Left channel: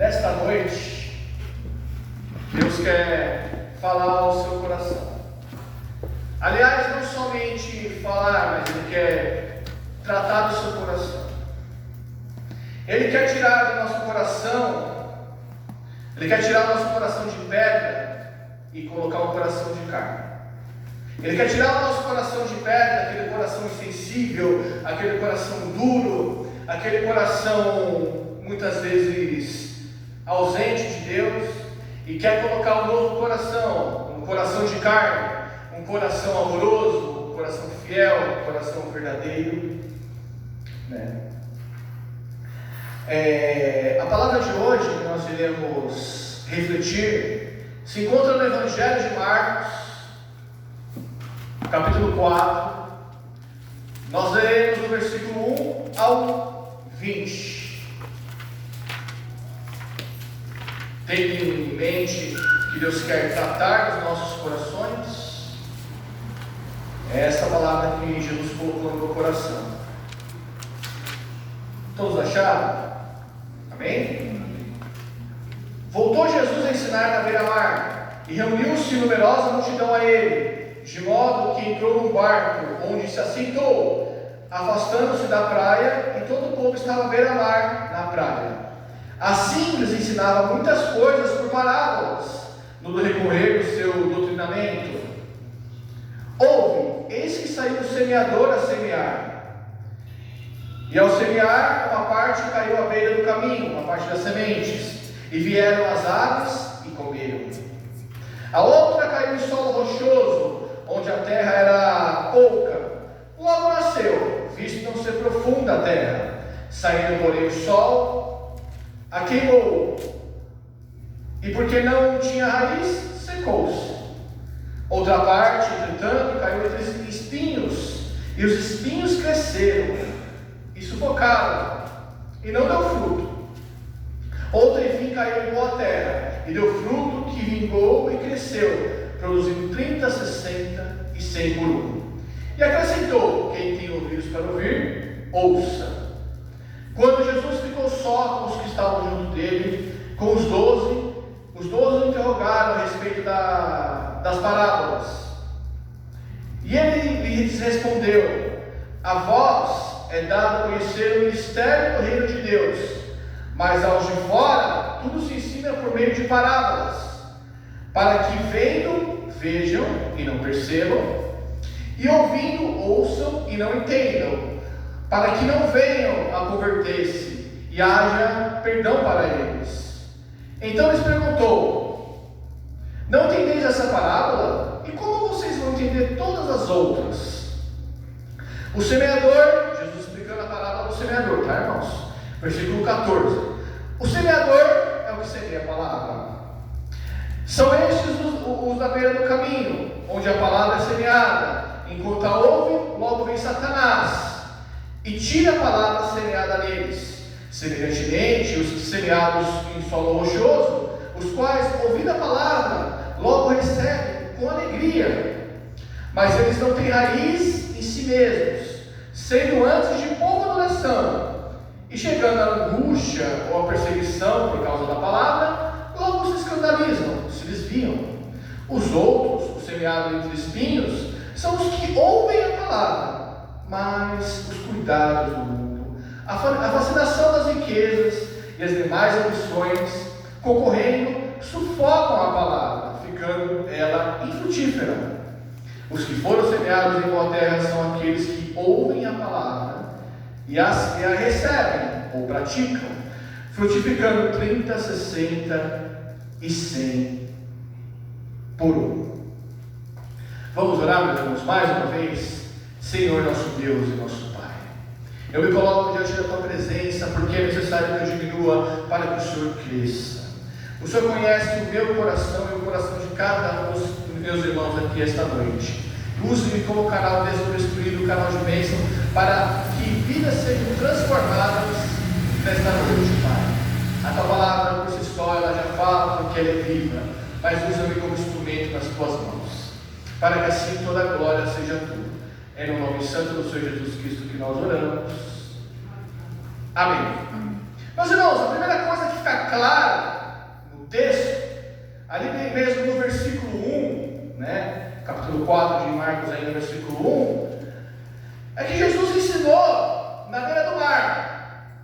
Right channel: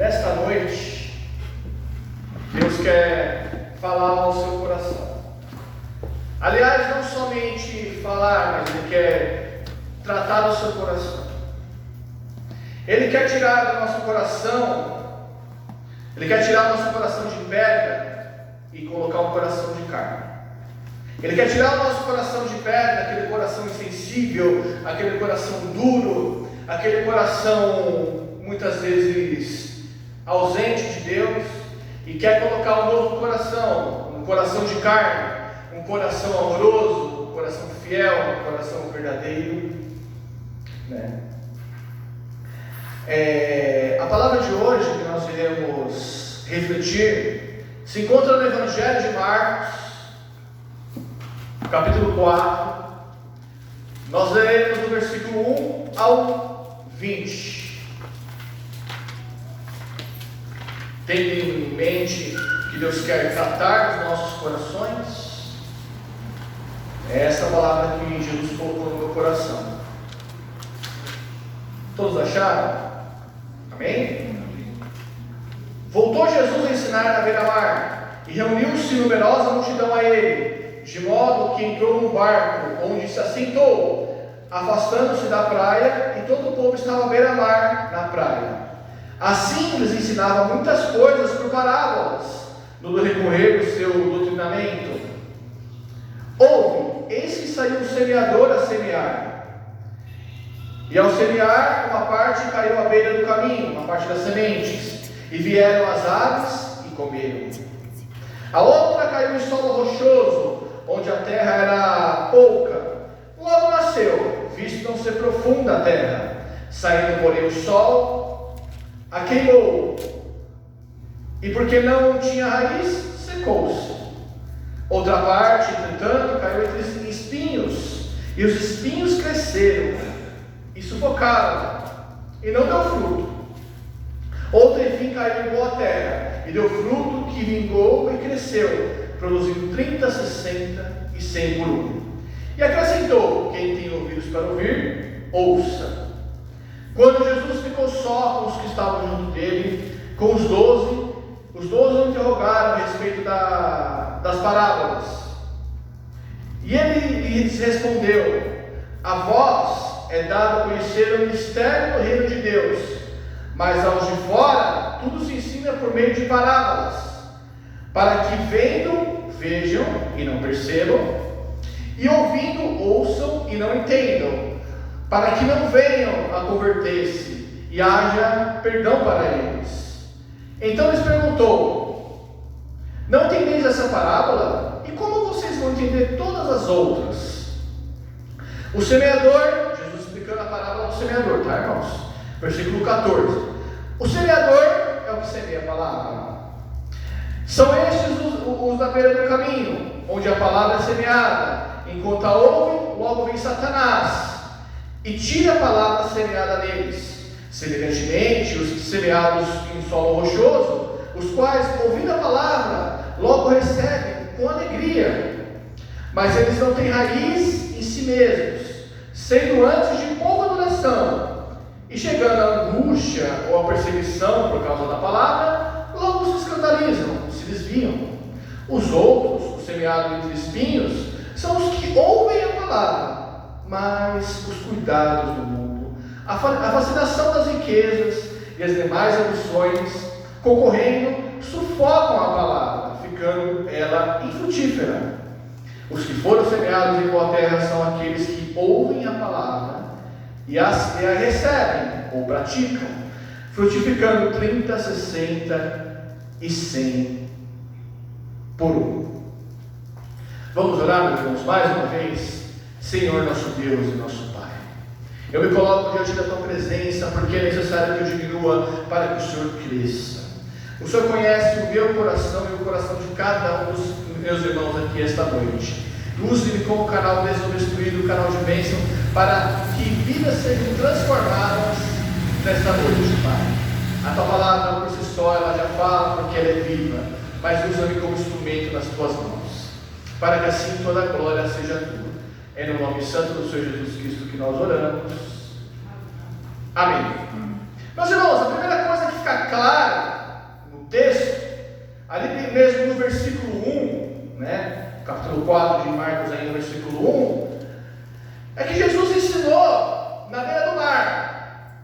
Nesta noite, Deus quer falar ao seu coração. Aliás, não somente falar, mas Ele quer tratar do seu coração. Ele quer tirar do nosso coração, Ele quer tirar do nosso coração de pedra e colocar um coração de carne. Ele quer tirar do nosso coração de pedra, aquele coração insensível, aquele coração duro, aquele coração muitas vezes ausente de Deus, e quer colocar um novo coração, um coração de carne, um coração amoroso, um coração fiel, um coração verdadeiro, né? A palavra de hoje que nós iremos refletir se encontra no Evangelho de Marcos, capítulo 4. Nós leremos do versículo 1 ao 20. Tendo em mente que Deus quer tratar dos nossos corações, é essa palavra que Jesus colocou no meu coração. Todos acharam? Amém? Voltou Jesus a ensinar na beira-mar, e reuniu-se numerosa multidão a ele, de modo que entrou num barco, onde se assentou, afastando-se da praia, e todo o povo estava à beira-mar na praia. Assim lhes ensinava muitas coisas por parábolas, no decorrer do seu doutrinamento. Ouve, eis que saiu o semeador a semear. E ao semear, uma parte caiu à beira do caminho, uma parte das sementes, e vieram as aves e comeram. A outra caiu em solo rochoso, onde a terra era pouca. Logo nasceu, visto não ser profunda a terra. Saindo, porém, o sol a queimou, e porque não tinha raiz, secou-se. Outra parte, entretanto, caiu entre espinhos, e os espinhos cresceram e sufocaram, e não deu fruto. Outra, enfim, caiu em boa terra, e deu fruto que vingou e cresceu, produzindo 30, 60 e 100 por um. E acrescentou: quem tem ouvidos para ouvir, ouça. Quando Jesus ficou só com os que estavam junto dele, com os 12 o interrogaram a respeito das parábolas. E ele lhes respondeu: a vós é dado conhecer o mistério do reino de Deus, mas aos de fora tudo se ensina por meio de parábolas, para que vendo, vejam e não percebam, e ouvindo, ouçam e não entendam, para que não venham a converter-se e haja perdão para eles. Então lhes perguntou: não entendeis essa parábola? E como vocês vão entender todas as outras? O semeador, Jesus explicando a parábola do semeador, tá, irmãos? Versículo 14. O semeador é o que semeia a palavra. São estes os da beira do caminho, onde a palavra é semeada. Enquanto a ouvem, logo vem Satanás e tira a palavra semeada neles. Semelhantemente, os que semeados em solo rochoso, os quais, ouvindo a palavra, logo recebem com alegria, mas eles não têm raiz em si mesmos, sendo antes de pouca duração, e chegando à angústia ou à perseguição por causa da palavra, logo se escandalizam, se desviam. Os outros, os semeados entre espinhos, são os que ouvem a palavra, mas os cuidados do mundo, a fascinação das riquezas e as demais ambições, concorrendo, sufocam a palavra, ficando ela infrutífera. Os que foram semeados em boa terra são aqueles que ouvem a palavra e a recebem ou praticam, frutificando 30, 60 e 100 por um. Vamos orar, meus irmãos, mais uma vez. Senhor, nosso Deus e nosso Pai, eu me coloco diante da Tua presença, porque é necessário que eu diminua para que o Senhor cresça. O Senhor conhece o meu coração e o coração de cada um dos meus irmãos aqui esta noite. Use-me como canal desobstruído, canal de bênção, para que vidas sejam transformadas nesta noite, Pai. A Tua palavra por si só, ela já fala porque ela é viva, mas usa-me como instrumento nas Tuas mãos, para que assim toda a glória seja Tua. É no nome santo do Senhor Jesus Cristo que nós oramos. Amém. Meus irmãos, a primeira coisa que ficar claro no texto, ali tem mesmo no versículo 1, né? Capítulo 4 de Marcos, ainda no versículo 1, é que Jesus ensinou na beira do mar.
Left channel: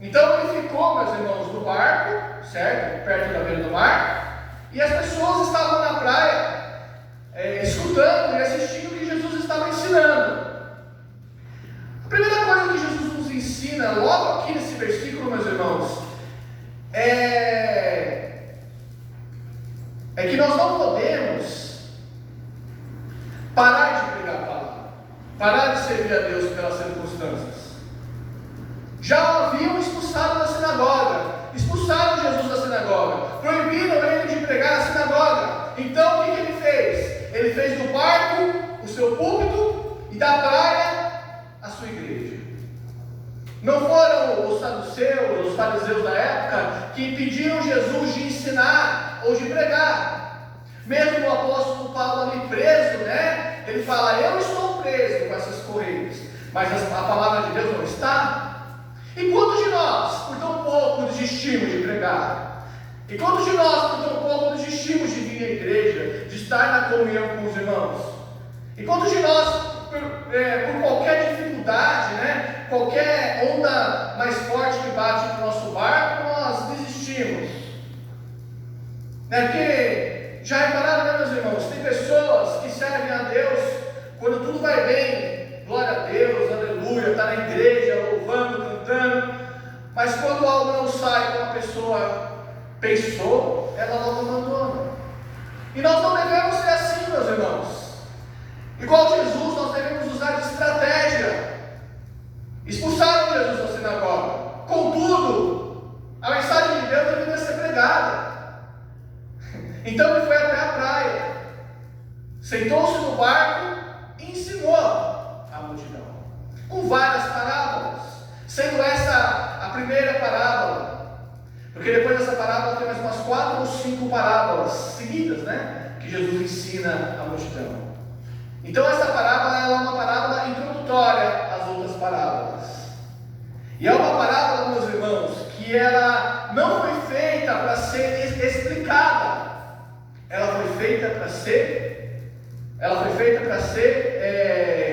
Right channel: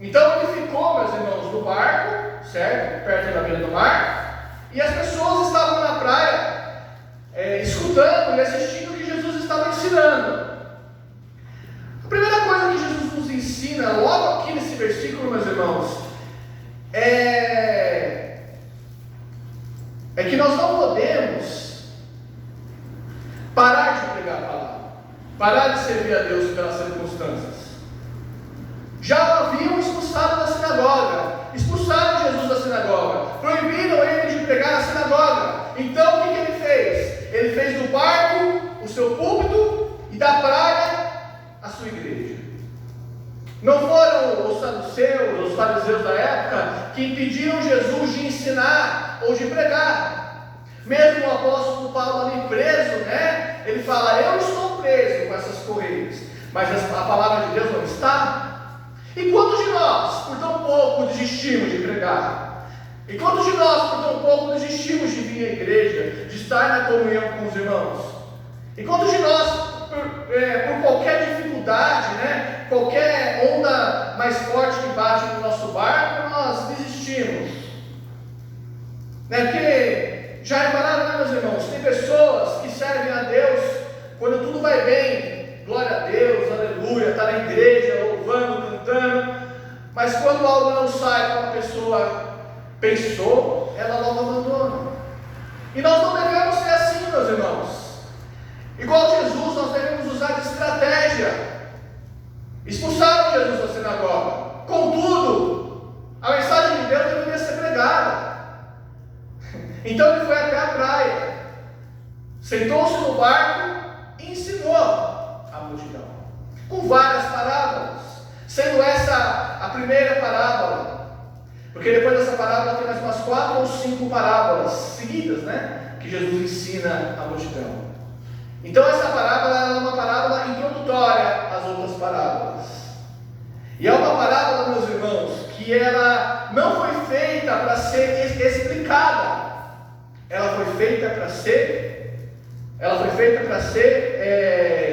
Então ele ficou, meus irmãos, no barco, certo? Perto da beira do mar, e as pessoas estavam na praia, escutando e assistindo o que Jesus estava ensinando. A primeira coisa que Jesus nos ensina, logo aqui nesse versículo, meus irmãos, é que nós não podemos parar de pregar a palavra, parar de servir a Deus pelas circunstâncias. Já o haviam expulsado da sinagoga, expulsaram Jesus da sinagoga, proibiram ele de pregar na sinagoga. Então o que ele fez? Ele fez do barco o seu púlpito e da praia a sua igreja. Não foram os saduceus, os fariseus da época que impediram Jesus de ensinar ou de pregar. Mesmo o apóstolo Paulo ali preso, né? Ele fala: eu estou preso com essas correias, mas a palavra de Deus não está. E quantos de nós, por tão pouco, desistimos de pregar? E quantos de nós, por tão pouco, desistimos de vir à igreja, de estar na comunhão com os irmãos? E quantos de nós, por qualquer dificuldade, né, qualquer onda mais forte que bate no nosso barco, nós desistimos? Porque já repararam, né, meus irmãos? Tem pessoas que servem a Deus quando tudo vai bem, glória a Deus, aleluia, está na igreja, louvando, cantando, mas quando algo não sai como a pessoa pensou, ela logo abandona. E nós não devemos ser assim, meus irmãos. Igual Jesus, nós devemos usar de estratégia. Expulsaram Jesus da sinagoga, contudo, a mensagem de Deus deveria ser pregada. Então ele foi até a praia, sentou-se no barco e ensinou a multidão, com várias parábolas, sendo essa a primeira parábola, porque depois dessa parábola tem mais umas 4 ou 5 parábolas seguidas, né, que Jesus ensina a multidão. Então essa parábola é uma parábola introdutória às outras parábolas, e é uma parábola, meus irmãos, que ela não foi feita para ser explicada, ela foi feita para ser,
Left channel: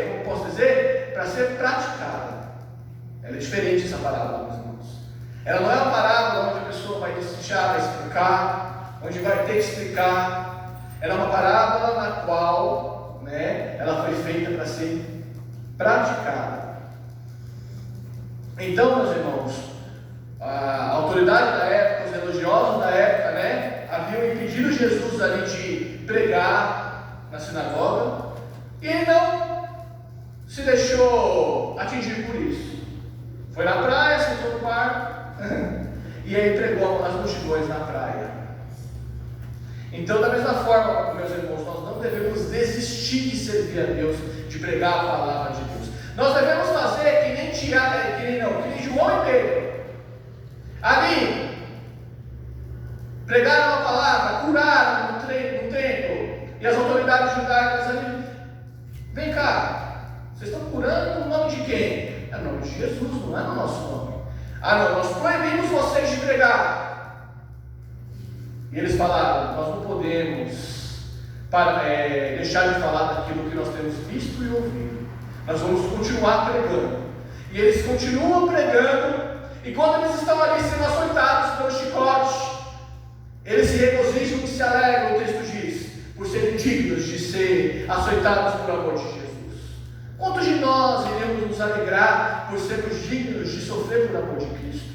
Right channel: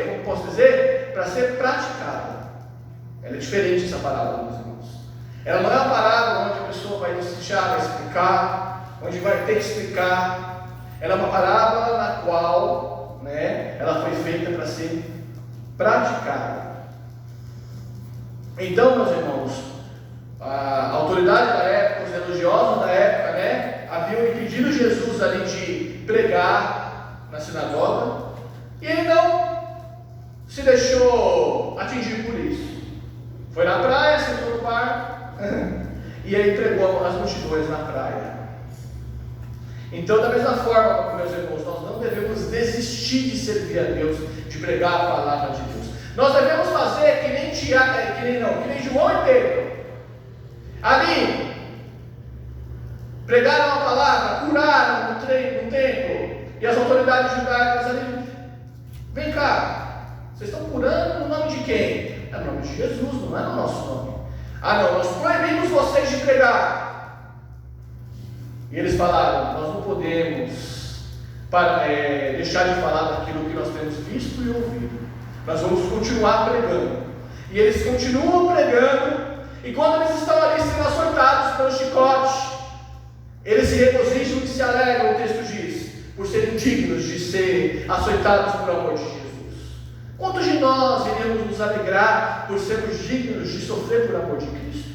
como posso dizer, para ser praticada. Ela é diferente essa parábola, meus irmãos. Ela não é uma parábola onde a pessoa vai deixar, vai explicar, onde vai ter que explicar. Ela é uma parábola na qual, né, ela foi feita para ser praticada. Então, meus irmãos, a autoridade da época, os religiosos da época, né, haviam impedido Jesus ali de pregar na sinagoga, e ele não se deixou atingir por isso. Foi na praia, sentou no barco e aí pregou as multidões na praia. Então, da mesma forma, meus irmãos, nós não devemos desistir de servir a Deus, de pregar a palavra de Deus. Nós devemos fazer que nem João e Pedro. Ali, pregaram a palavra, curaram no templo, e as autoridades judaicas ali: vem cá, vocês estão curando no nome de quem? É no nome de Jesus, não é no nosso nome. Ah não, nós proibimos vocês de pregar. E eles falaram: nós não podemos deixar de falar daquilo que nós temos visto e ouvido. Nós vamos continuar pregando. E eles continuam pregando, e quando eles estão ali sendo açoitados pelo chicote, eles se regozijam e se alegram, o texto diz, por serem dignos de ser açoitados por amor de Jesus. Quantos de nós iremos nos alegrar por sermos dignos de sofrer por amor de Cristo?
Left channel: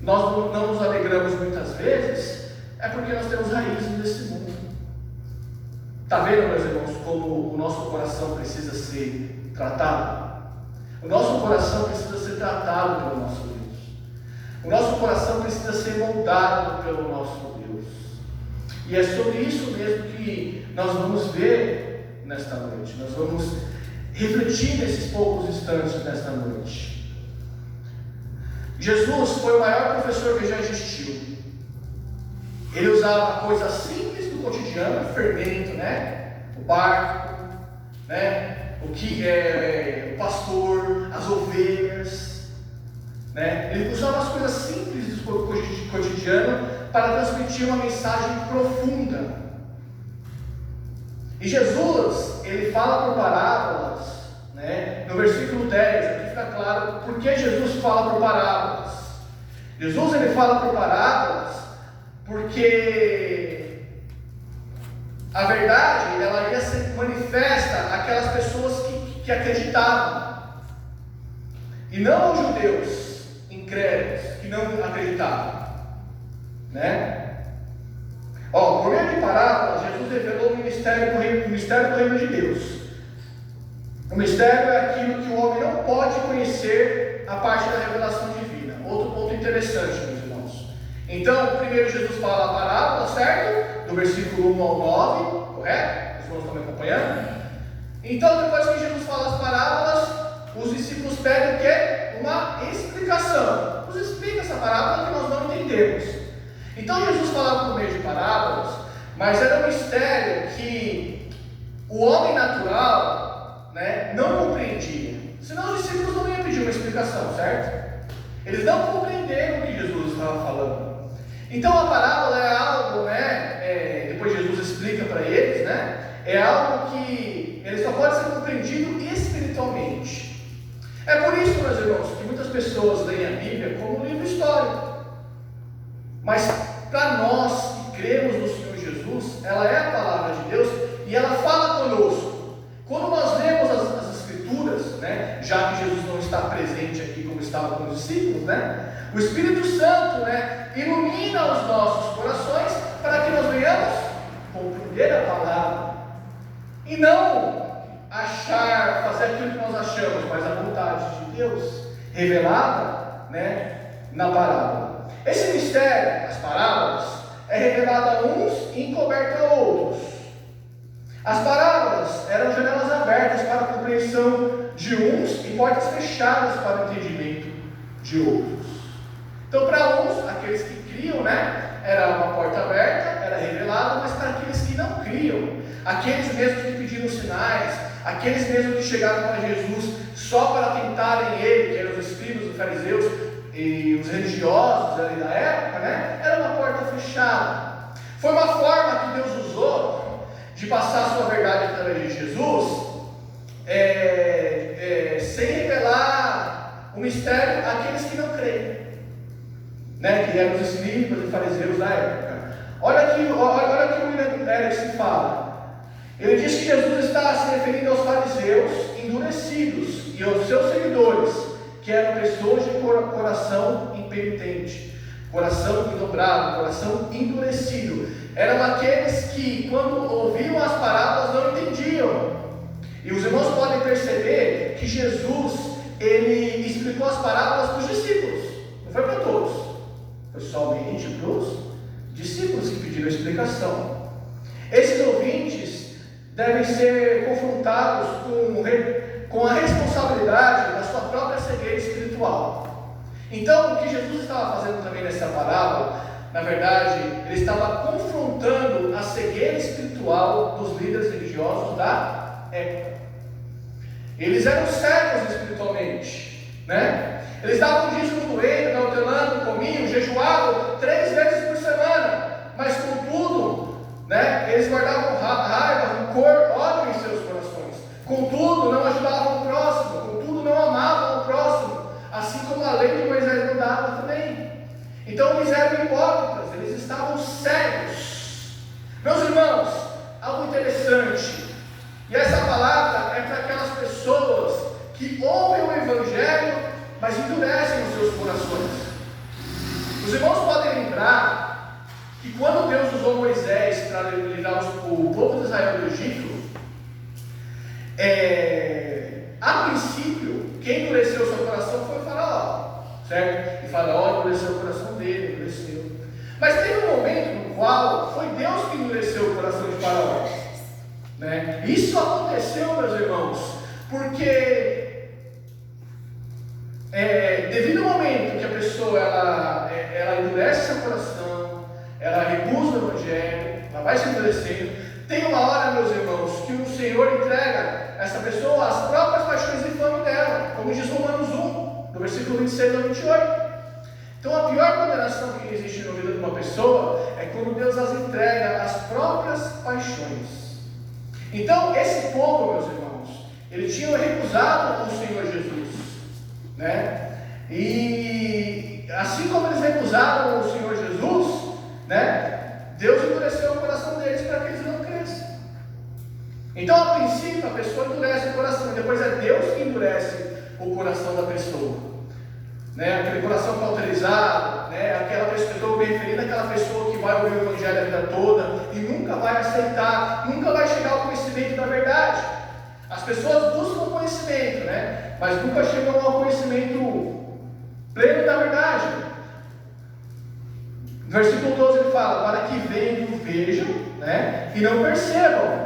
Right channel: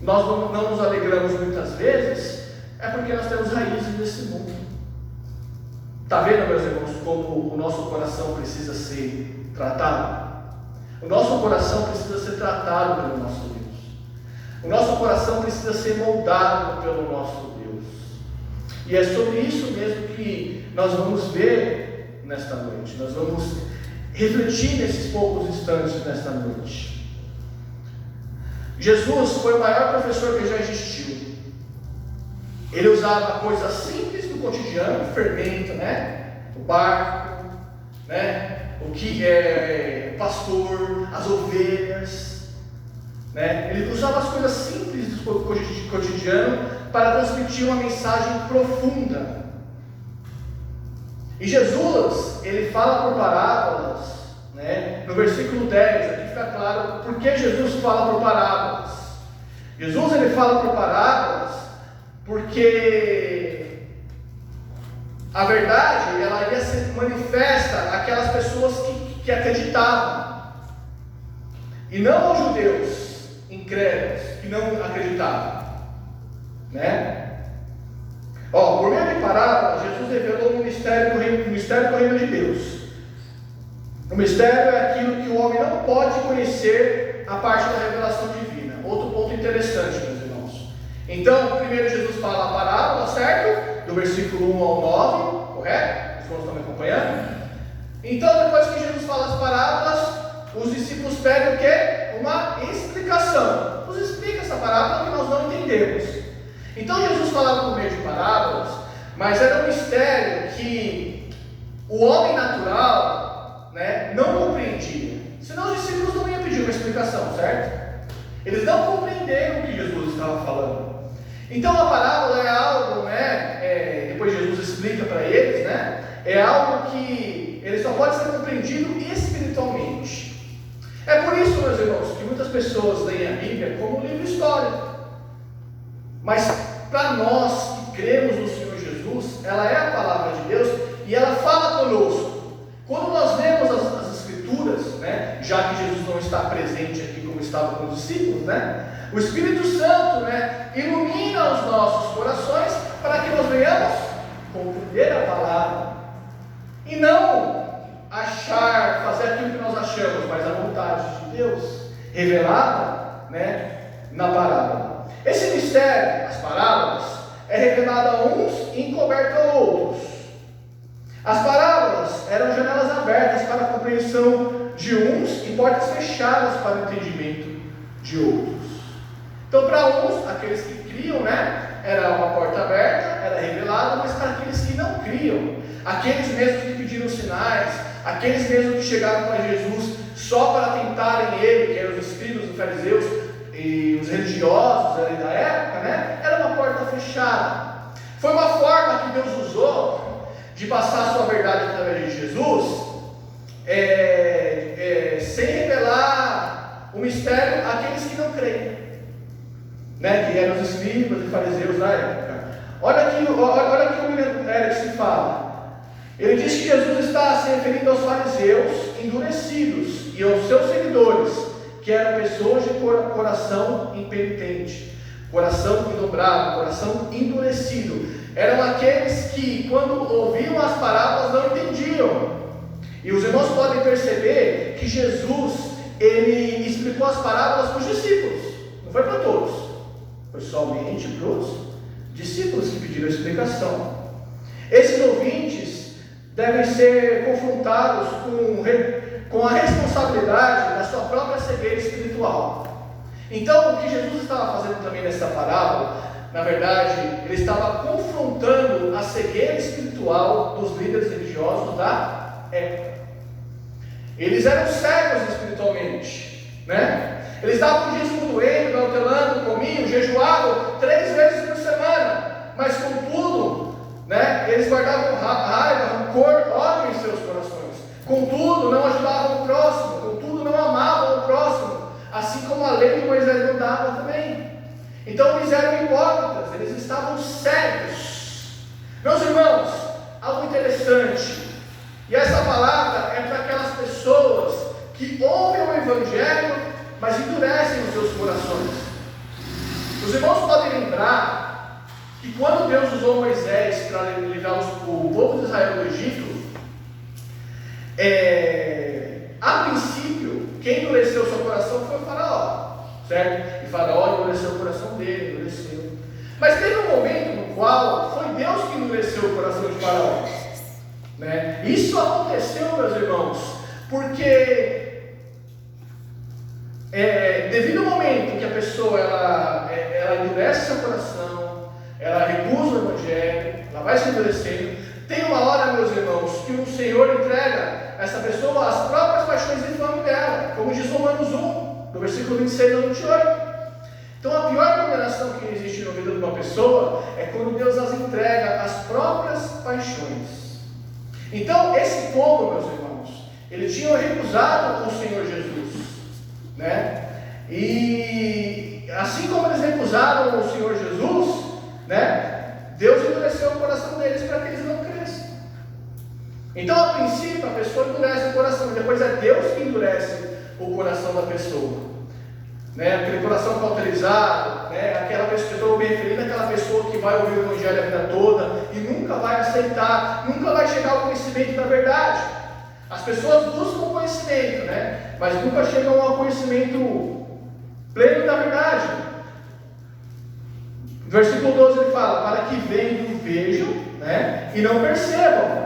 Nós não nos alegramos muitas vezes, é porque nós temos raízes nesse mundo. Está vendo, meus irmãos, como o nosso coração precisa ser tratado? O nosso coração precisa ser tratado pelo nosso Deus. O nosso coração precisa ser moldado pelo nosso Deus. E é sobre isso mesmo que nós vamos ver nesta noite. Nós vamos refletir nesses poucos instantes nesta noite. Jesus foi o maior professor que já existiu. Ele usava coisas simples do cotidiano, o fermento, né? O barco, né? O que é o pastor, as ovelhas, né? Ele usava as coisas simples do cotidiano para transmitir uma mensagem profunda. E Jesus, ele fala por parábolas, né? No versículo 10, aqui fica claro por que Jesus fala por parábolas. Jesus, ele fala por parábolas porque a verdade, ela ia ser manifesta àquelas pessoas que acreditavam, e não aos judeus incrédulos que não acreditavam, né? Por meio de parábolas, Jesus revelou o mistério do reino de Deus. O mistério é aquilo que o homem não pode conhecer a parte da revelação divina. Outro ponto interessante, meus irmãos. Então, primeiro Jesus fala a parábola, certo? Do versículo 1 ao 9, correto? Os irmãos estão me acompanhando? Então, depois que Jesus fala as parábolas, os discípulos pedem o quê? Uma explicação. Nos explica essa parábola que nós não entendemos. Então Jesus falava por meio de parábolas, mas era um mistério que o homem natural, né, não compreendia. Senão os discípulos não iam pedir uma explicação, certo? Eles não compreenderam o que Jesus estava falando. Então a parábola é algo, né, depois Jesus explica para eles, né, é algo que ele só pode ser compreendido espiritualmente. É por isso, meus irmãos, que muitas pessoas leem a Bíblia como um livro histórico. Mas para nós que cremos no Senhor Jesus, ela é a palavra de Deus e ela fala conosco. Quando nós lemos as Escrituras, né, já que Jesus não está presente aqui como estava com os discípulos, né, o Espírito Santo, né, ilumina os nossos corações para que nós venhamos compreender a palavra e não achar, fazer aquilo que nós achamos, mas a vontade de Deus revelada, né, na palavra. Esse mistério, as parábolas, é revelado a uns e encoberto a outros. As parábolas eram janelas abertas para a compreensão de uns e portas fechadas para o entendimento de outros. Então, para uns, aqueles que criam, né, era uma porta aberta, era revelado, mas para aqueles que não criam, aqueles mesmos que pediram sinais, aqueles mesmos que chegaram para Jesus só para tentarem ele, que eram os escribas, os fariseus, e os religiosos ali da época, né, era uma porta fechada. Foi uma forma que Deus usou de passar a sua verdade através de Jesus, sem revelar o mistério àqueles que não creem, né, que eram os escribas e fariseus da época. Olha aqui o William Erickson fala. Ele diz que Jesus está se referindo aos fariseus endurecidos e aos seus seguidores, que eram pessoas de coração impenitente, coração dobrado, coração endurecido. Eram aqueles que, quando ouviam as parábolas, não entendiam. E os irmãos podem perceber que Jesus, ele explicou as parábolas para os discípulos, não foi para todos, foi somente para os discípulos que pediram a explicação. Esses ouvintes devem ser confrontados com a responsabilidade da sua própria cegueira espiritual. Então, o que Jesus estava fazendo também nessa parábola, na verdade, ele estava confrontando a cegueira espiritual dos líderes religiosos da época. Eles eram cegos espiritualmente, né? Eles estavam com dízimo do reino, nautelando, comiam, jejuavam 3 vezes por semana, mas contudo, né, eles guardavam raiva, rancor, ódio em seus corações. Contudo, não ajudavam o próximo, contudo, não amavam o próximo, assim como a lei de Moisés não dava também. Então eles eram hipócritas, eles estavam cegos. Meus irmãos, algo interessante, e essa palavra é para aquelas pessoas que ouvem o Evangelho, mas endurecem os seus corações. Os irmãos podem lembrar que quando Deus usou Moisés para livrar o povo de Israel do Egito, a princípio, quem endureceu o seu coração foi o Faraó, certo? E Faraó endureceu o coração dele, endureceu. Mas teve um momento no qual foi Deus que endureceu o coração de Faraó, né? Isso aconteceu, meus irmãos, porque devido ao momento que a pessoa ela endurece seu coração, ela recusa o Evangelho, ela vai se endurecendo, tem uma hora, meus irmãos, que o Senhor entrega essa pessoa às próprias paixões infames dela, como diz Romanos 1, no versículo 26 ao 28. Então a pior condenação condenação que existe na vida de uma pessoa é quando Deus as entrega às próprias paixões. Então, esse povo, meus irmãos, eles tinham recusado o Senhor Jesus, né? E assim como eles recusaram o Senhor Jesus, né? Deus endureceu o coração deles para que eles não cresçam. Então, a princípio, a pessoa endurece o coração, e depois é Deus que endurece o coração da pessoa, né? Aquele coração cauterizado, né? Aquela pessoa, estou me referindo àquela pessoa que vai ouvir o Evangelho a vida toda e nunca vai aceitar, nunca vai chegar ao conhecimento da verdade. As pessoas buscam conhecimento, né? Mas nunca chegam ao conhecimento pleno da verdade. No versículo 12 ele fala: para que vendo, vejam, né? E não percebam.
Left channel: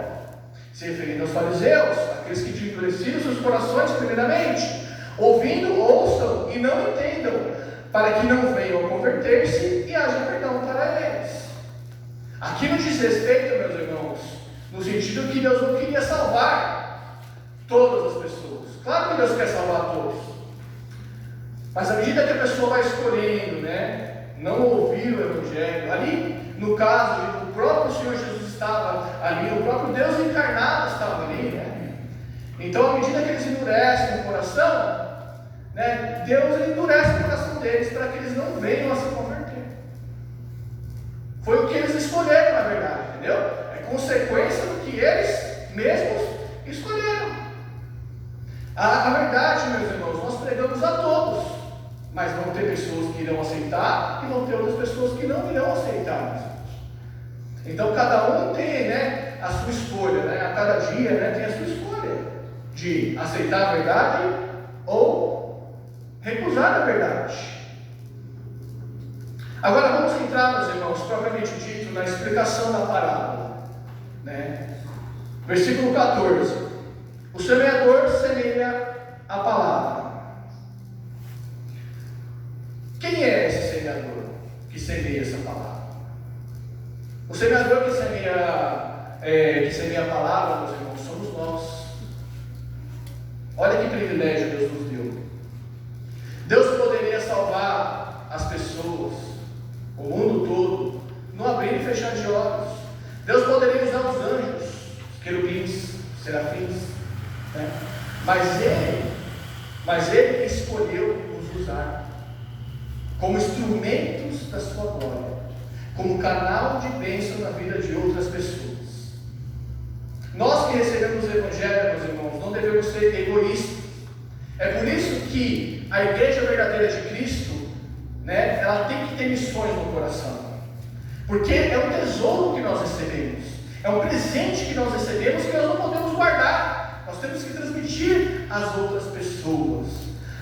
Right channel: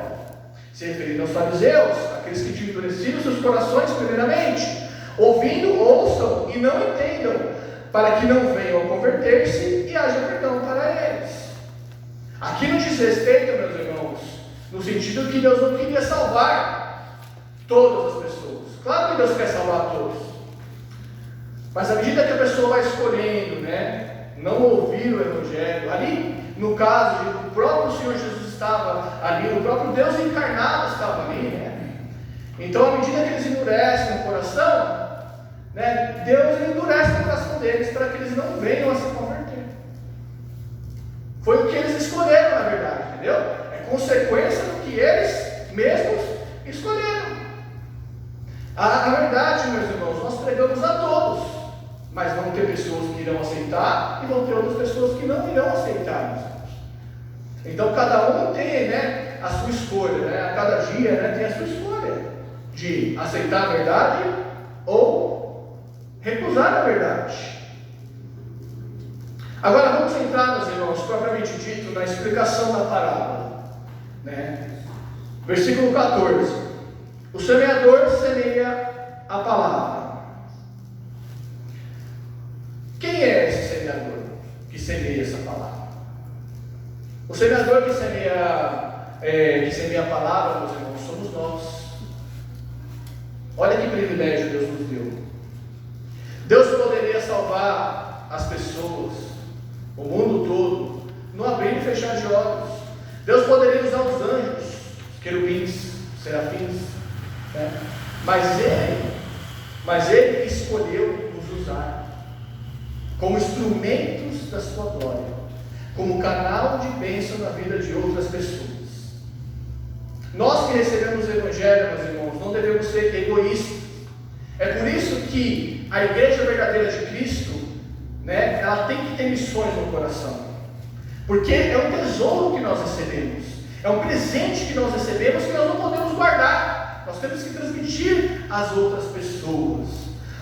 Se referindo aos fariseus, aqueles que tinham endurecido seus corações primeiramente, ouvindo, ouçam e não entendam, para que não venham a converter-se e haja perdão para eles. Aqui não diz respeito, meus irmãos, no sentido que Deus não queria salvar todas as pessoas. Claro que Deus quer salvar todos, mas à medida que a pessoa vai escolhendo, né, não ouvir o Evangelho, ali no caso de que o próprio Senhor Jesus estava ali, o próprio Deus encarnado estava ali, né? Então, à medida que eles endurecem o coração, né, Deus endurece o coração deles para que eles não venham a se converter. Foi o que eles escolheram, na verdade, entendeu? É consequência do que eles mesmos escolheram. A verdade, meus irmãos, nós pregamos a todos, mas vão ter pessoas que irão aceitar e vão ter outras pessoas que não irão aceitar, meus irmãos. Então, cada um tem, né, a sua escolha, né? A cada dia, né, tem a sua escolha de aceitar a verdade ou recusar a verdade. Agora vamos entrar, meus irmãos, propriamente dito, na explicação da parábola, né? Versículo 14: o semeador semeia a palavra. Quem é esse semeador que semeia essa palavra? O semeador que semeia a palavra, meus irmãos, somos nós. Olha que privilégio Deus nos deu. Deus poderia salvar as pessoas, o mundo todo, no abrir e fechar de olhos. Deus poderia usar os anjos, os querubins, os serafins, né? Mas Ele escolheu nos usar como instrumentos da sua glória, como canal de bênção na vida de outras pessoas. Nós que recebemos o Evangelho, meus irmãos, não devemos ser egoístas. É por isso que a igreja verdadeira de Cristo, né, ela tem que ter missões no coração, porque é um tesouro que nós recebemos, é um presente que nós recebemos que nós não podemos guardar. Nós temos que transmitir às outras pessoas,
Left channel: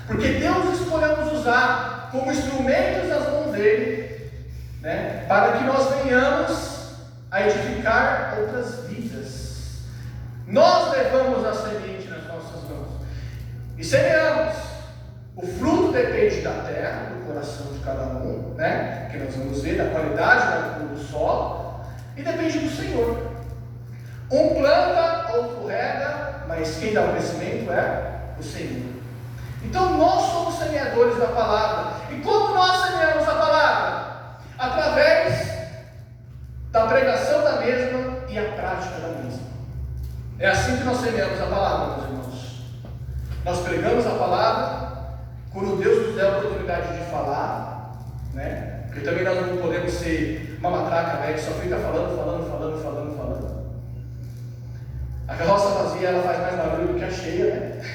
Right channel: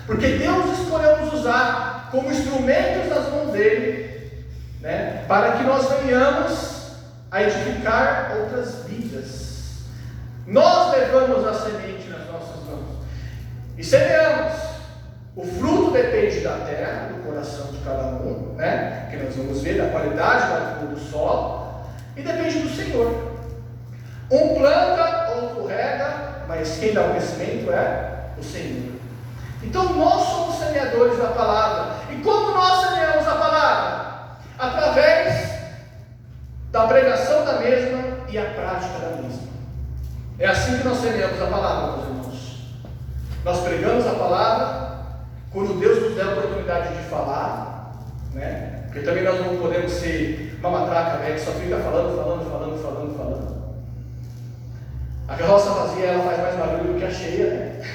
porque Deus escolheu nos usar como instrumentos nas mãos dele, né, para que nós venhamos a edificar outras vidas. Nós levamos a semente nas nossas mãos e semeamos. O fruto depende da terra, do coração de cada um, né, que nós vamos ver, da qualidade do solo, e depende do Senhor. Um planta, outro rega, mas quem dá o crescimento é o Senhor. Então nós somos semeadores da palavra. E como nós semeamos a palavra? Através da pregação da mesma e a prática da mesma. É assim que nós semeamos a palavra, meus irmãos. Nós pregamos a palavra quando Deus nos der a oportunidade de falar, né? Porque também nós não podemos ser uma matraca, né, que só fica falando. A carroça vazia, ela faz mais barulho do que a cheia, né?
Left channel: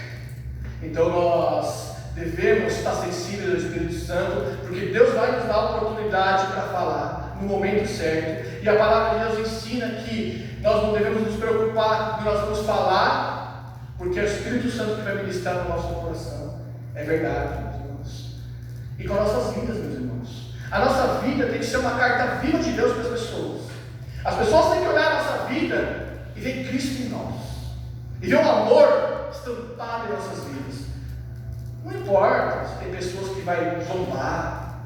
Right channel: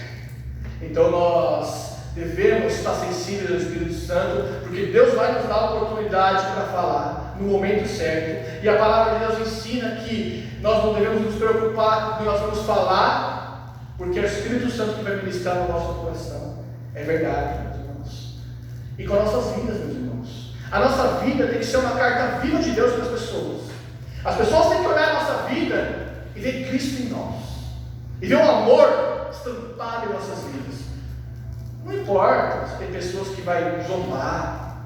Então nós devemos estar sensíveis ao Espírito Santo, porque Deus vai nos dar a oportunidade para falar no momento certo. E a palavra de Deus ensina que nós não devemos nos preocupar com o que nós vamos falar, porque é o Espírito Santo que vai ministrar no nosso coração. É verdade, meus irmãos. E com as nossas vidas, meus irmãos. A nossa vida tem que ser uma carta viva de Deus para as pessoas. As pessoas têm que olhar a nossa vida e ver Cristo em nós, e ver o amor estampado em nossas vidas. Não importa se tem pessoas que vão zombar,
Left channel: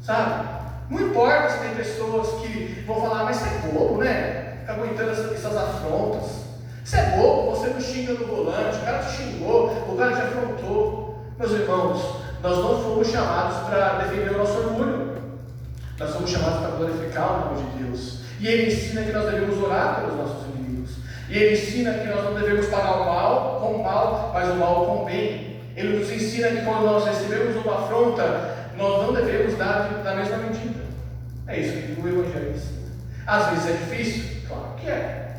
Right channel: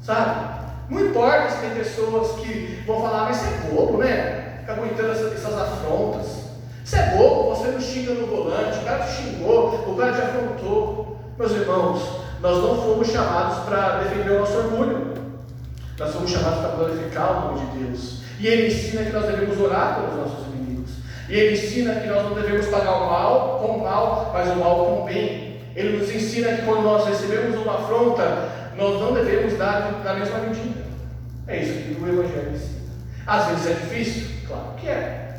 sabe? Não importa se tem pessoas que vão falar, mas você é bobo, né? Fica aguentando essas afrontas. Você é bobo, você não xinga no volante, o cara te xingou, o cara te afrontou. Meus irmãos, nós não fomos chamados para defender o nosso orgulho. somos chamados para glorificar o nome de Deus. E Ele ensina que nós devemos orar pelos nossos inimigos. E Ele ensina que nós não devemos pagar o mal com o mal, mas o mal com o bem. Ele nos ensina que quando nós recebemos uma afronta, nós não devemos dar da mesma medida. É isso que o Evangelho ensina. Às vezes é difícil? Claro que é.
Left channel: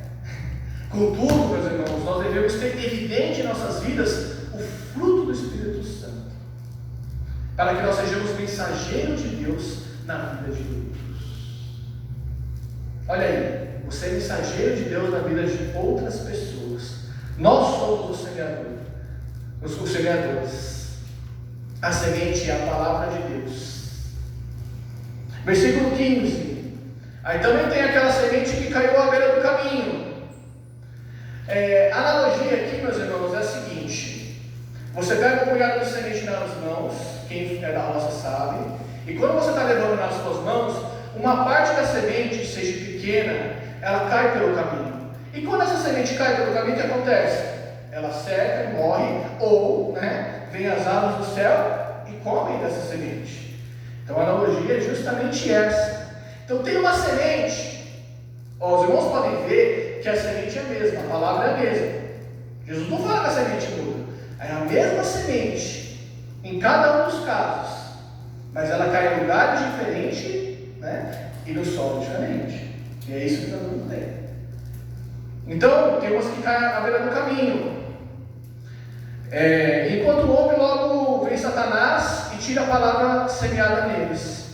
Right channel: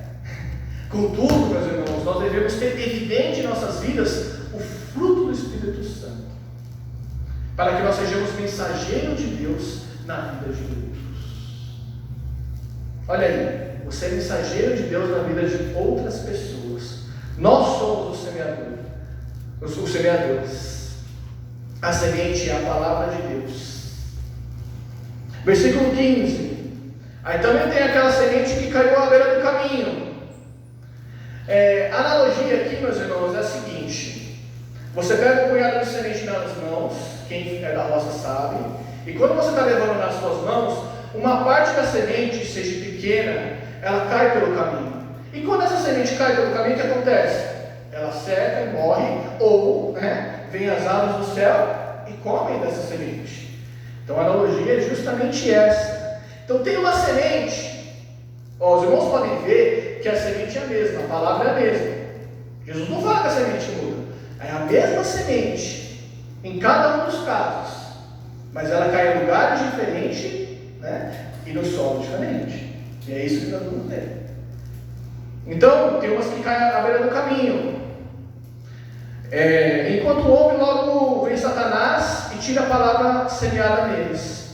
Contudo, meus irmãos, nós devemos ter evidente em nossas vidas o fruto do Espírito Santo, para que nós sejamos mensageiros de Deus na vida de outros. Olha aí, você é mensageiro de Deus na vida de outras pessoas. Nós somos os semeadores. A semente é a palavra de Deus. Versículo 15. Aí também tem aquela semente que caiu à beira do caminho. A analogia aqui, meus irmãos, é a seguinte: você pega um punhado de semente nas mãos, quem é da roça sabe, e quando você está levando nas suas mãos, uma parte da semente, seja pequena, ela cai pelo caminho. E quando essa semente cai pelo caminho, o que acontece? Ela seca e morre, ou vem as aves do céu e comem dessa semente. Então a analogia é justamente essa. Então tem uma semente, os irmãos podem ver que a semente é a mesma, a palavra é a mesma. Jesus não fala que a semente muda, é a mesma semente em cada um dos casos, mas ela cai em lugares diferentes, e no solo diferente. E é isso que todo mundo tem. Então, tem umas que caem à beira do caminho. Enquanto ouve, logo vem Satanás e tira a palavra semeada neles.